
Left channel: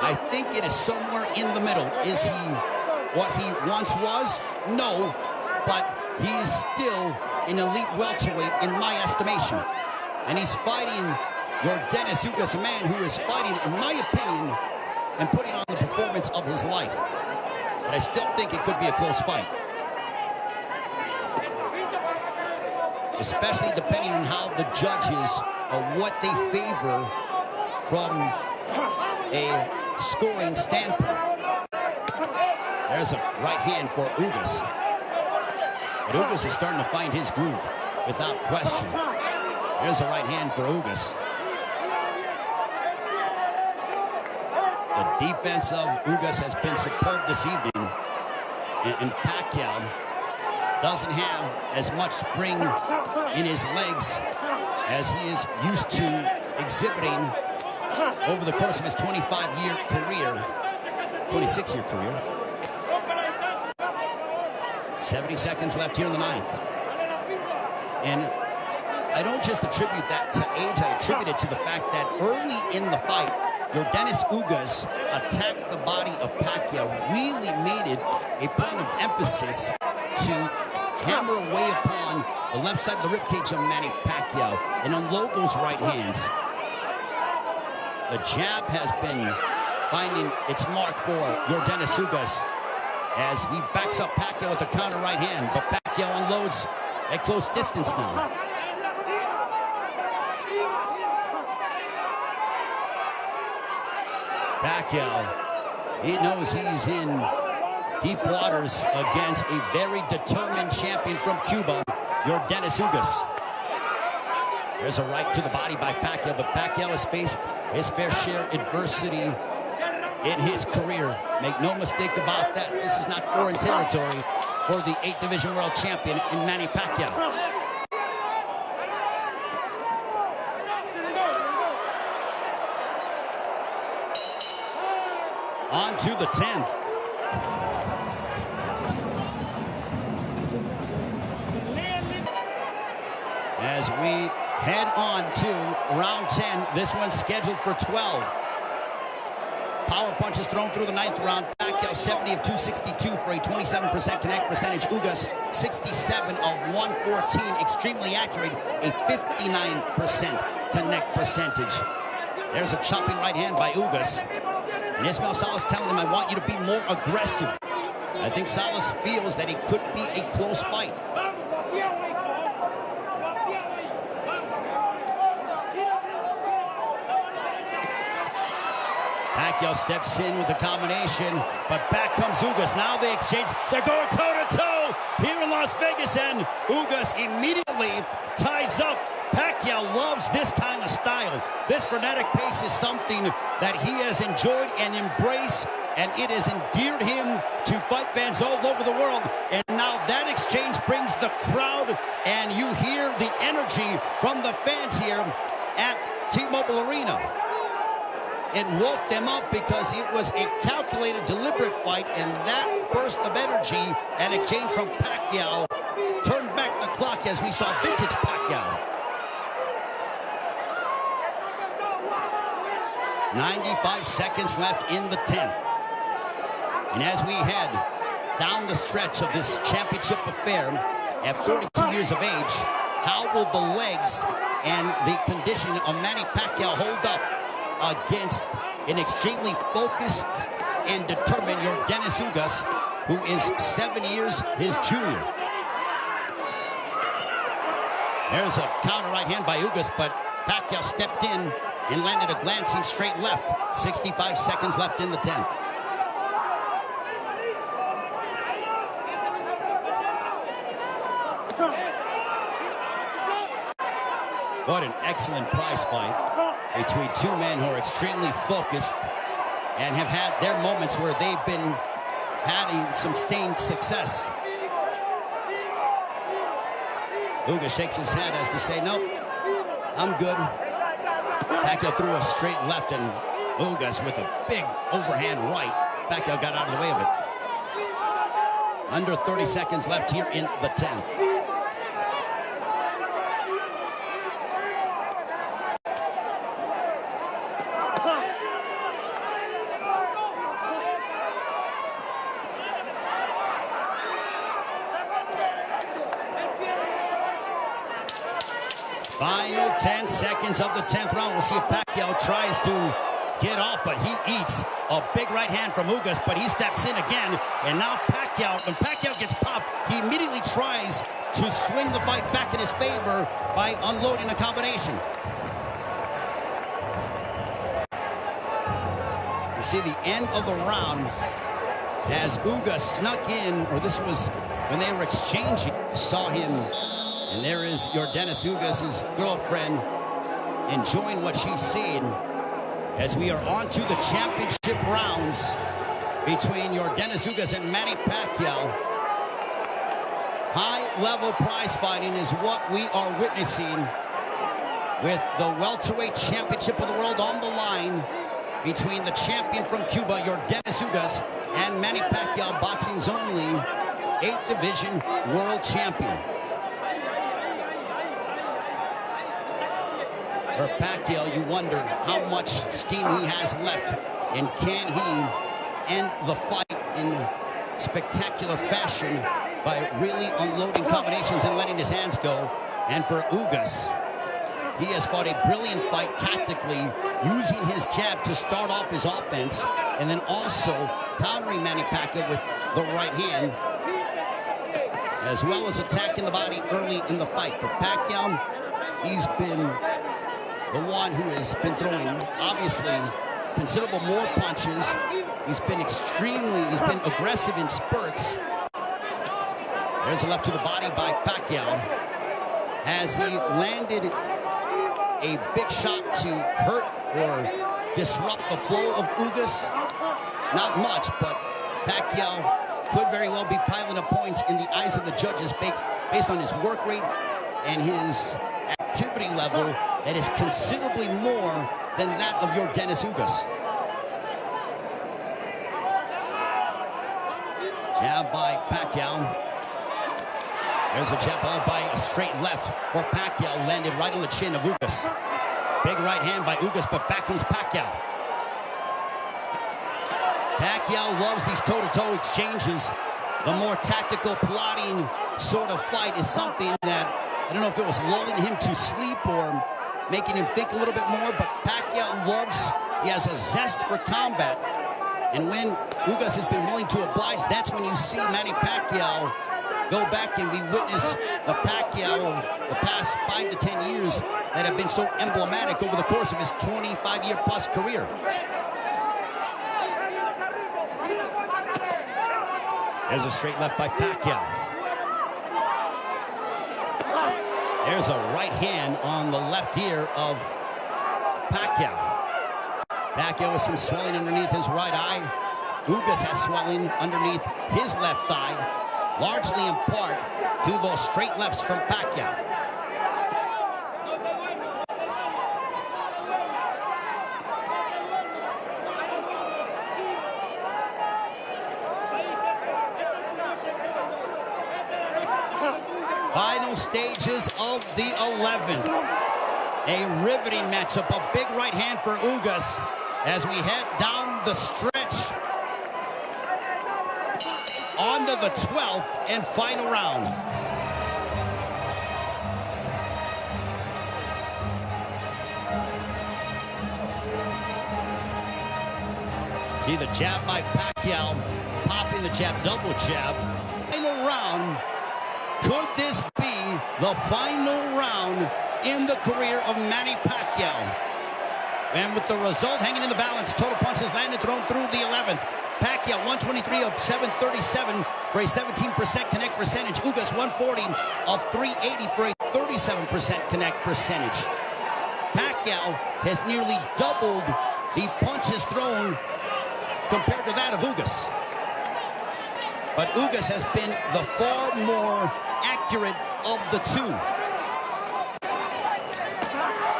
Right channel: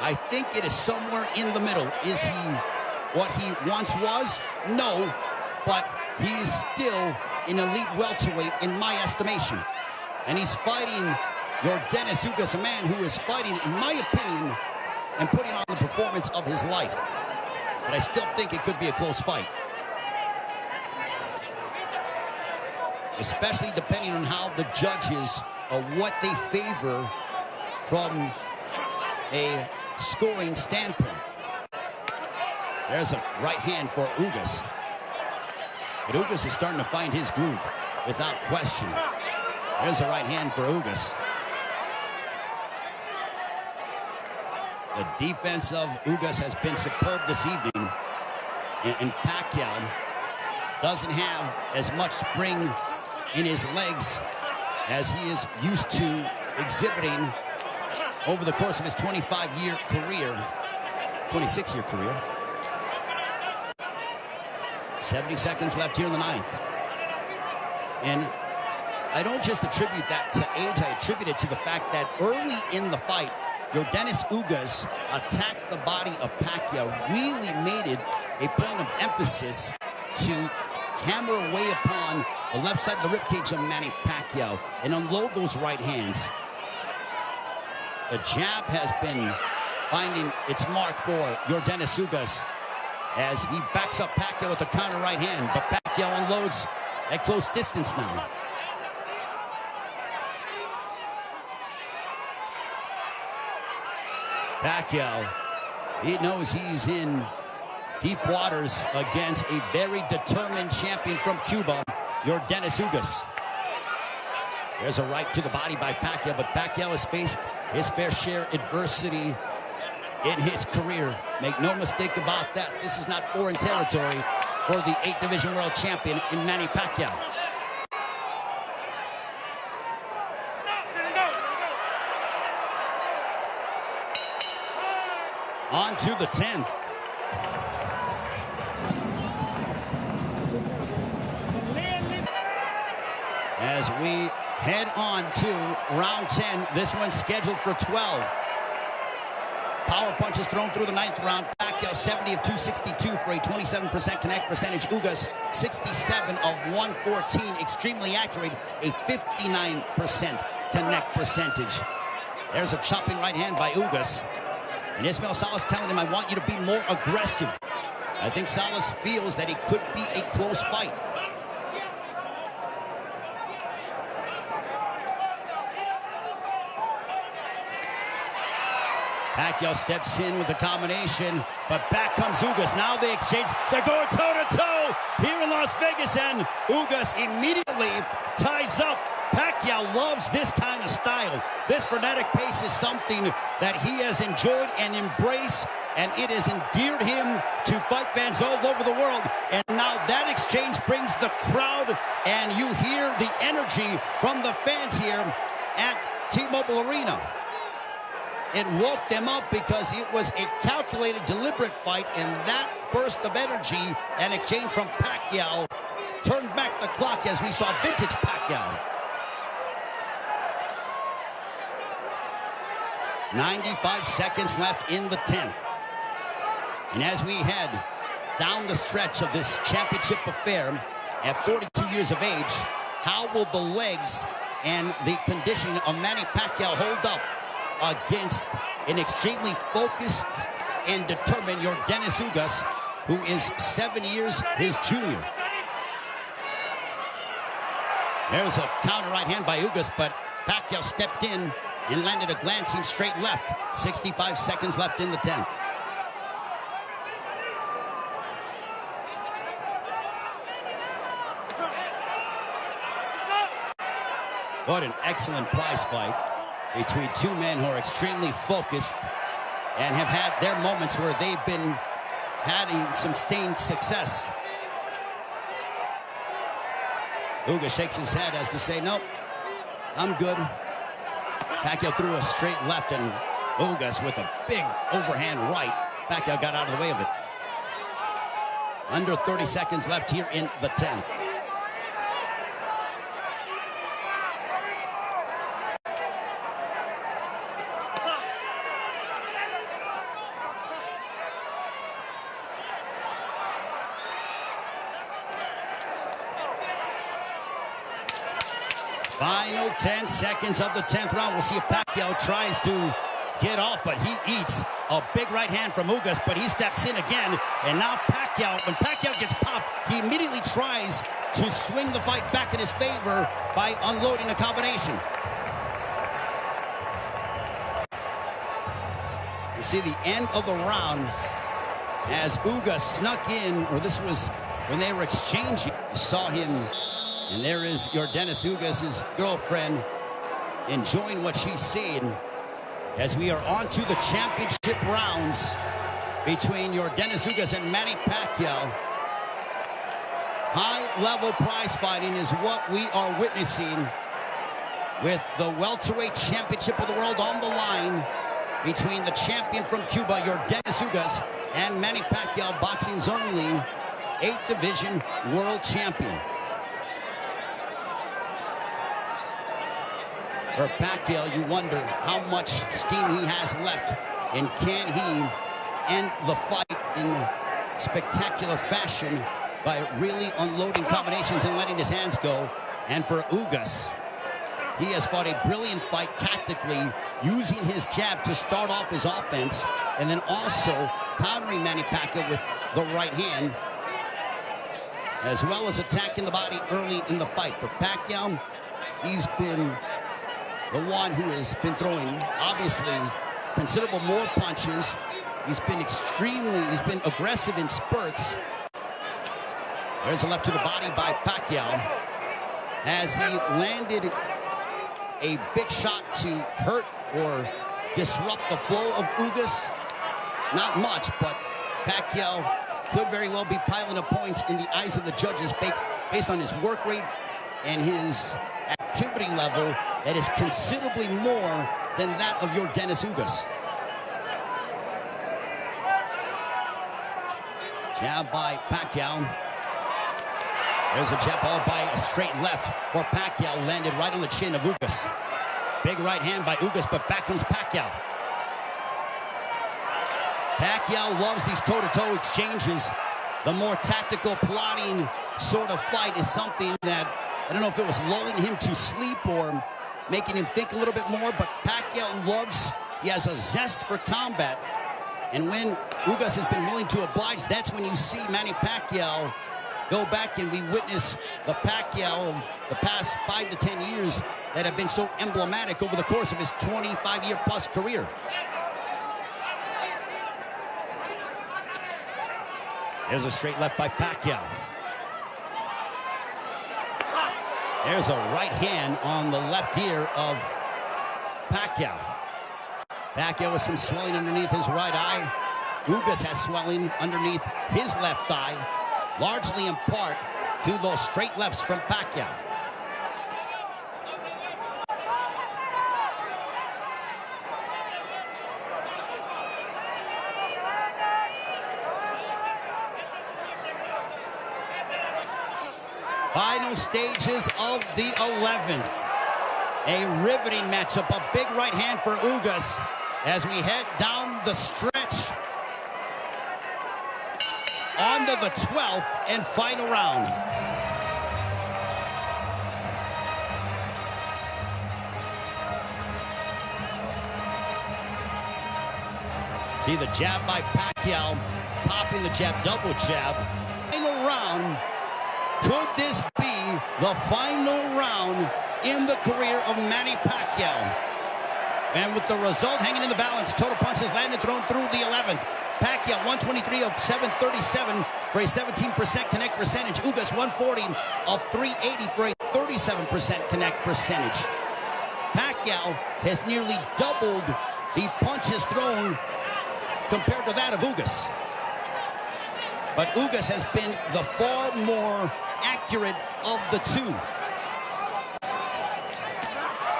I think it is somewhere in the middle. Is he what he once was? No, but he is still an elite welterweight in my estimation. And he's fighting Yordenis Ugas, a man who is fighting, in my opinion, and putting on the performance of his life. but I still think it could be a close fight. Especially depending on how the judges, what they favor from a scoring standpoint. There's a right hand for Ugas. But Ugas is starting to find his groove, without question. There's a right hand for Ugas. The defense of Ugas has been superb this evening. And Pacquiao doesn't have as much spring in his legs as he is used to exhibiting over the course of his 25-year career, 26-year career. 70 seconds left here in the ninth. And I don't just attribute that to age, I attribute it to the fact that early in the fight, Yordenis Ugas attacked the body of Pacquiao, really made it a point of emphasis to hammer away upon the left side of the ribcage of Manny Pacquiao and unload those right hands. The jab has been finding its mark for Yordenis Ugas as he backs up Pacquiao with a counter right hand, but Pacquiao unloads at close distance now. Pacquiao, he knows he's in deep waters against a very determined champion from Cuba, Yordenis Ugas. There's a right to the body by Pacquiao, but Pacquiao has faced his fair share of adversity in his career. Make no mistake about that. This is not foreign territory for the 8th Division World Champion in Manny Pacquiao. On to the 10th. As we head on to round 10, this one's scheduled for 12. Power punches thrown through the 9th round. Pacquiao 70 of 262 for a 27% connect percentage. Ugas 67 of 114. Extremely accurate, a 59% connect percentage. There's a chopping right hand by Ugas. And Ismael Salas telling him, I want you to be more aggressive. I think Salas feels that it could be a close fight. Pacquiao steps in with a combination, but back comes Ugas. Now they exchange. They're going toe-to-toe here in Las Vegas, and Ugas immediately ties up. Pacquiao loves this kind of style. This frenetic pace is something that he has enjoyed and embraced, and it has endeared him to fight fans all over the world. And now that exchange brings the crowd, and you hear the energy from the fans here at T-Mobile Arena. It woke them up because it was a calculated, deliberate fight, and that burst of energy and exchange from Pacquiao turned back the clock as we saw vintage Pacquiao. 95 seconds left in the 10th. And as we head down the stretch of this championship affair at 42 years of age, how will the legs and the conditioning of Manny Pacquiao hold up against an extremely focused and determined Yordenis Ugas, who is 7 years his junior? There's a counter right hand by Ugas, but Pacquiao stepped in and landed a glancing straight left. 65 seconds left in the 10th. What an excellent prize fight between two men who are extremely focused and have had their moments where they've been having some sustained success. Ugas shakes his head as to say, nope, I'm good. Pacquiao threw a straight left, and Ugas with a big overhand right. Pacquiao got out of the way of it. Under 30 seconds left here in the 10th. Final 10 seconds of the 10th round. We'll see if Pacquiao tries to get off, but he eats A big right hand from Ugas, but he steps in again. And now Pacquiao, when Pacquiao gets popped, he immediately tries to swing the fight back in his favor by unloading a combination. You see the end of the round as Ugas snuck in, or this was when they were exchanging. You saw him, and there is Yordenis, Ugas' girlfriend, enjoying what she's seeing as we are on to the championship rounds between Yordenis Ugas and Manny Pacquiao. High-level prize fighting is what we are witnessing with the welterweight championship of the world on the line between the champion from Cuba, Yordenis Ugas, and Manny Pacquiao, boxing's only 8th division world champion. For Pacquiao, you wonder how much steam he has left, and can he end the fight in spectacular fashion by really unloading combinations and letting his hands go. And for Ugas, he has fought a brilliant fight tactically, using his jab to start off his offense, and then also countering Manny Pacquiao with the right hand, as well as attacking the body early in the fight. For Pacquiao, he's been the one who has been throwing, obviously, considerable more punches. He's been aggressive in spurts. There's a left to the body by Pacquiao as he landed a big shot to hurt or disrupt the flow of Ugas. Not much, but Pacquiao could very well be piling up points in the eyes of the judges based on his work rate and his activity level that is considerably more than that of Yordenis Ugas. Jab by Pacquiao. There's a jab followed by a straight left for Pacquiao, landed right on the chin of Ugas. Big right hand by Ugas, but back comes Pacquiao. Pacquiao loves these toe-to-toe exchanges. The more tactical, plotting sort of fight is something that, I don't know if it was lulling him to sleep or making him think a little bit more, but Pacquiao loves, he has a zest for combat. And when Ugas has been willing to oblige, that's when you see Manny Pacquiao go back, and we witness the Pacquiao of the past 5 to 10 years that have been so emblematic over the course of his 25-year-plus career. There's a straight left by Pacquiao. There's a right hand on the left ear of Pacquiao. Pacquiao with some swelling underneath his right eye. Ugas has swelling underneath his left thigh, largely in part to those straight lefts from Pacquiao. Final stages of the 11th. A riveting matchup, a big right hand for Ugas as we head down the stretch onto the 12th and final round. See the jab by Pacquiao, popping the jab, double jab. Final round. Could this be the final round in the career of Manny Pacquiao? And with the result hanging in the balance, total punches landed, thrown through the 11th. Pacquiao 123 of 737 for a 17% connect percentage. Ugas 140 of 380 for a 37% connect percentage. Pacquiao has nearly doubled the punches thrown compared to that of Ugas. But Ugas has been the far more accurate of the two.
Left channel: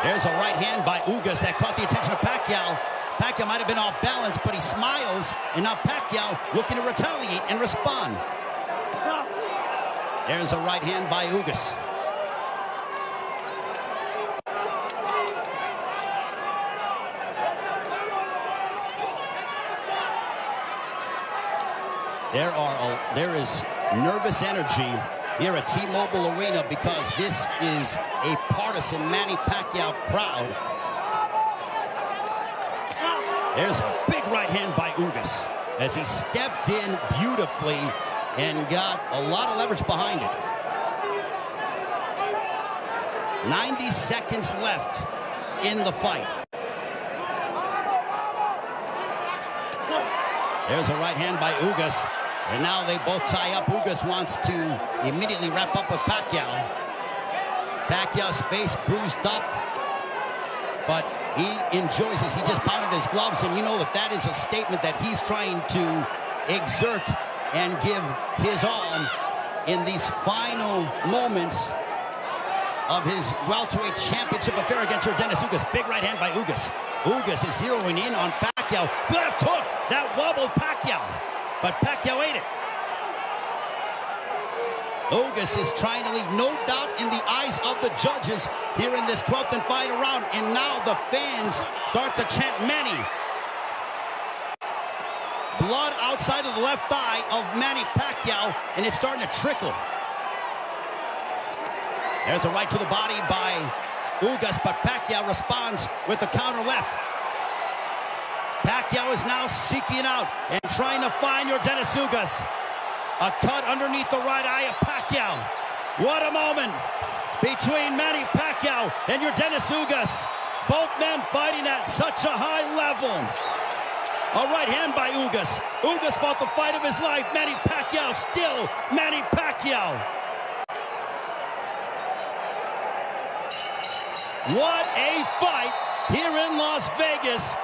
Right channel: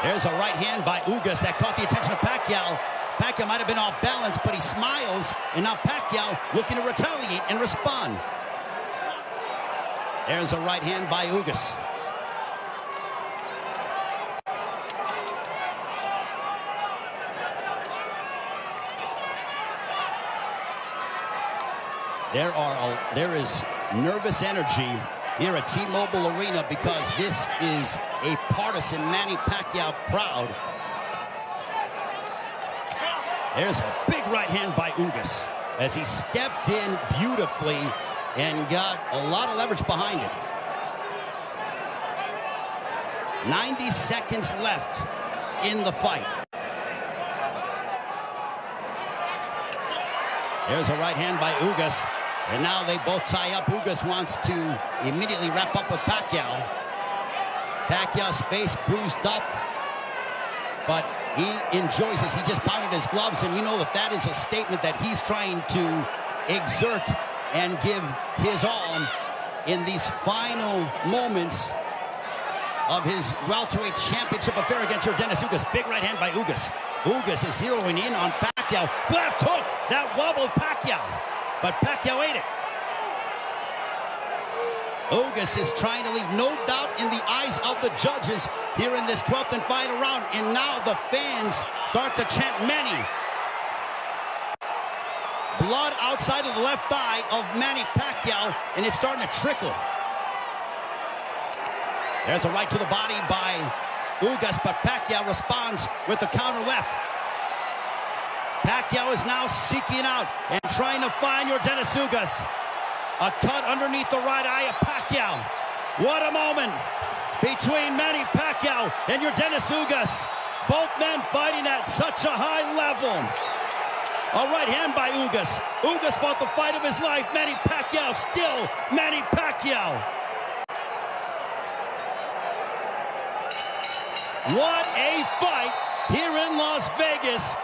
There's a right hand by Ugas that caught the attention of Pacquiao. Pacquiao might have been off balance, but he smiles, and now Pacquiao looking to retaliate and respond. There's a right hand by Ugas. There is nervous energy here at T-Mobile Arena because this is a partisan Manny Pacquiao crowd. There's a big right hand by Ugas as he stepped in beautifully and got a lot of leverage behind it. 90 seconds left in the fight. There's a right hand by Ugas, and now they both tie up. Ugas wants to immediately wrap up with Pacquiao. Pacquiao's face bruised up, but he enjoys this. He just pounded his gloves, and you know that is a statement that he's trying to exert and give his all in these final moments of his welterweight championship affair against Yordenis Ugas. Big right hand by Ugas. Ugas is zeroing in on Pacquiao. Left hook, that wobbled Pacquiao, but Pacquiao ate it. Ugas is trying to leave no doubt in the eyes of the judges here in this 12th and final round, and now the fans start to chant Manny. Blood outside of the left eye of Manny Pacquiao, and it's starting to trickle. There's a right to the body by Ugas, but Pacquiao responds with the counter left. Pacquiao is now seeking out and trying to find Yordenis Ugas. A cut underneath the right eye of Pacquiao. What a moment between Manny Pacquiao and Yordenis Ugas. Both men fighting at such a high level. A right hand by Ugas. Ugas fought the fight of his life. Manny Pacquiao still Manny Pacquiao. What a fight here in Las Vegas.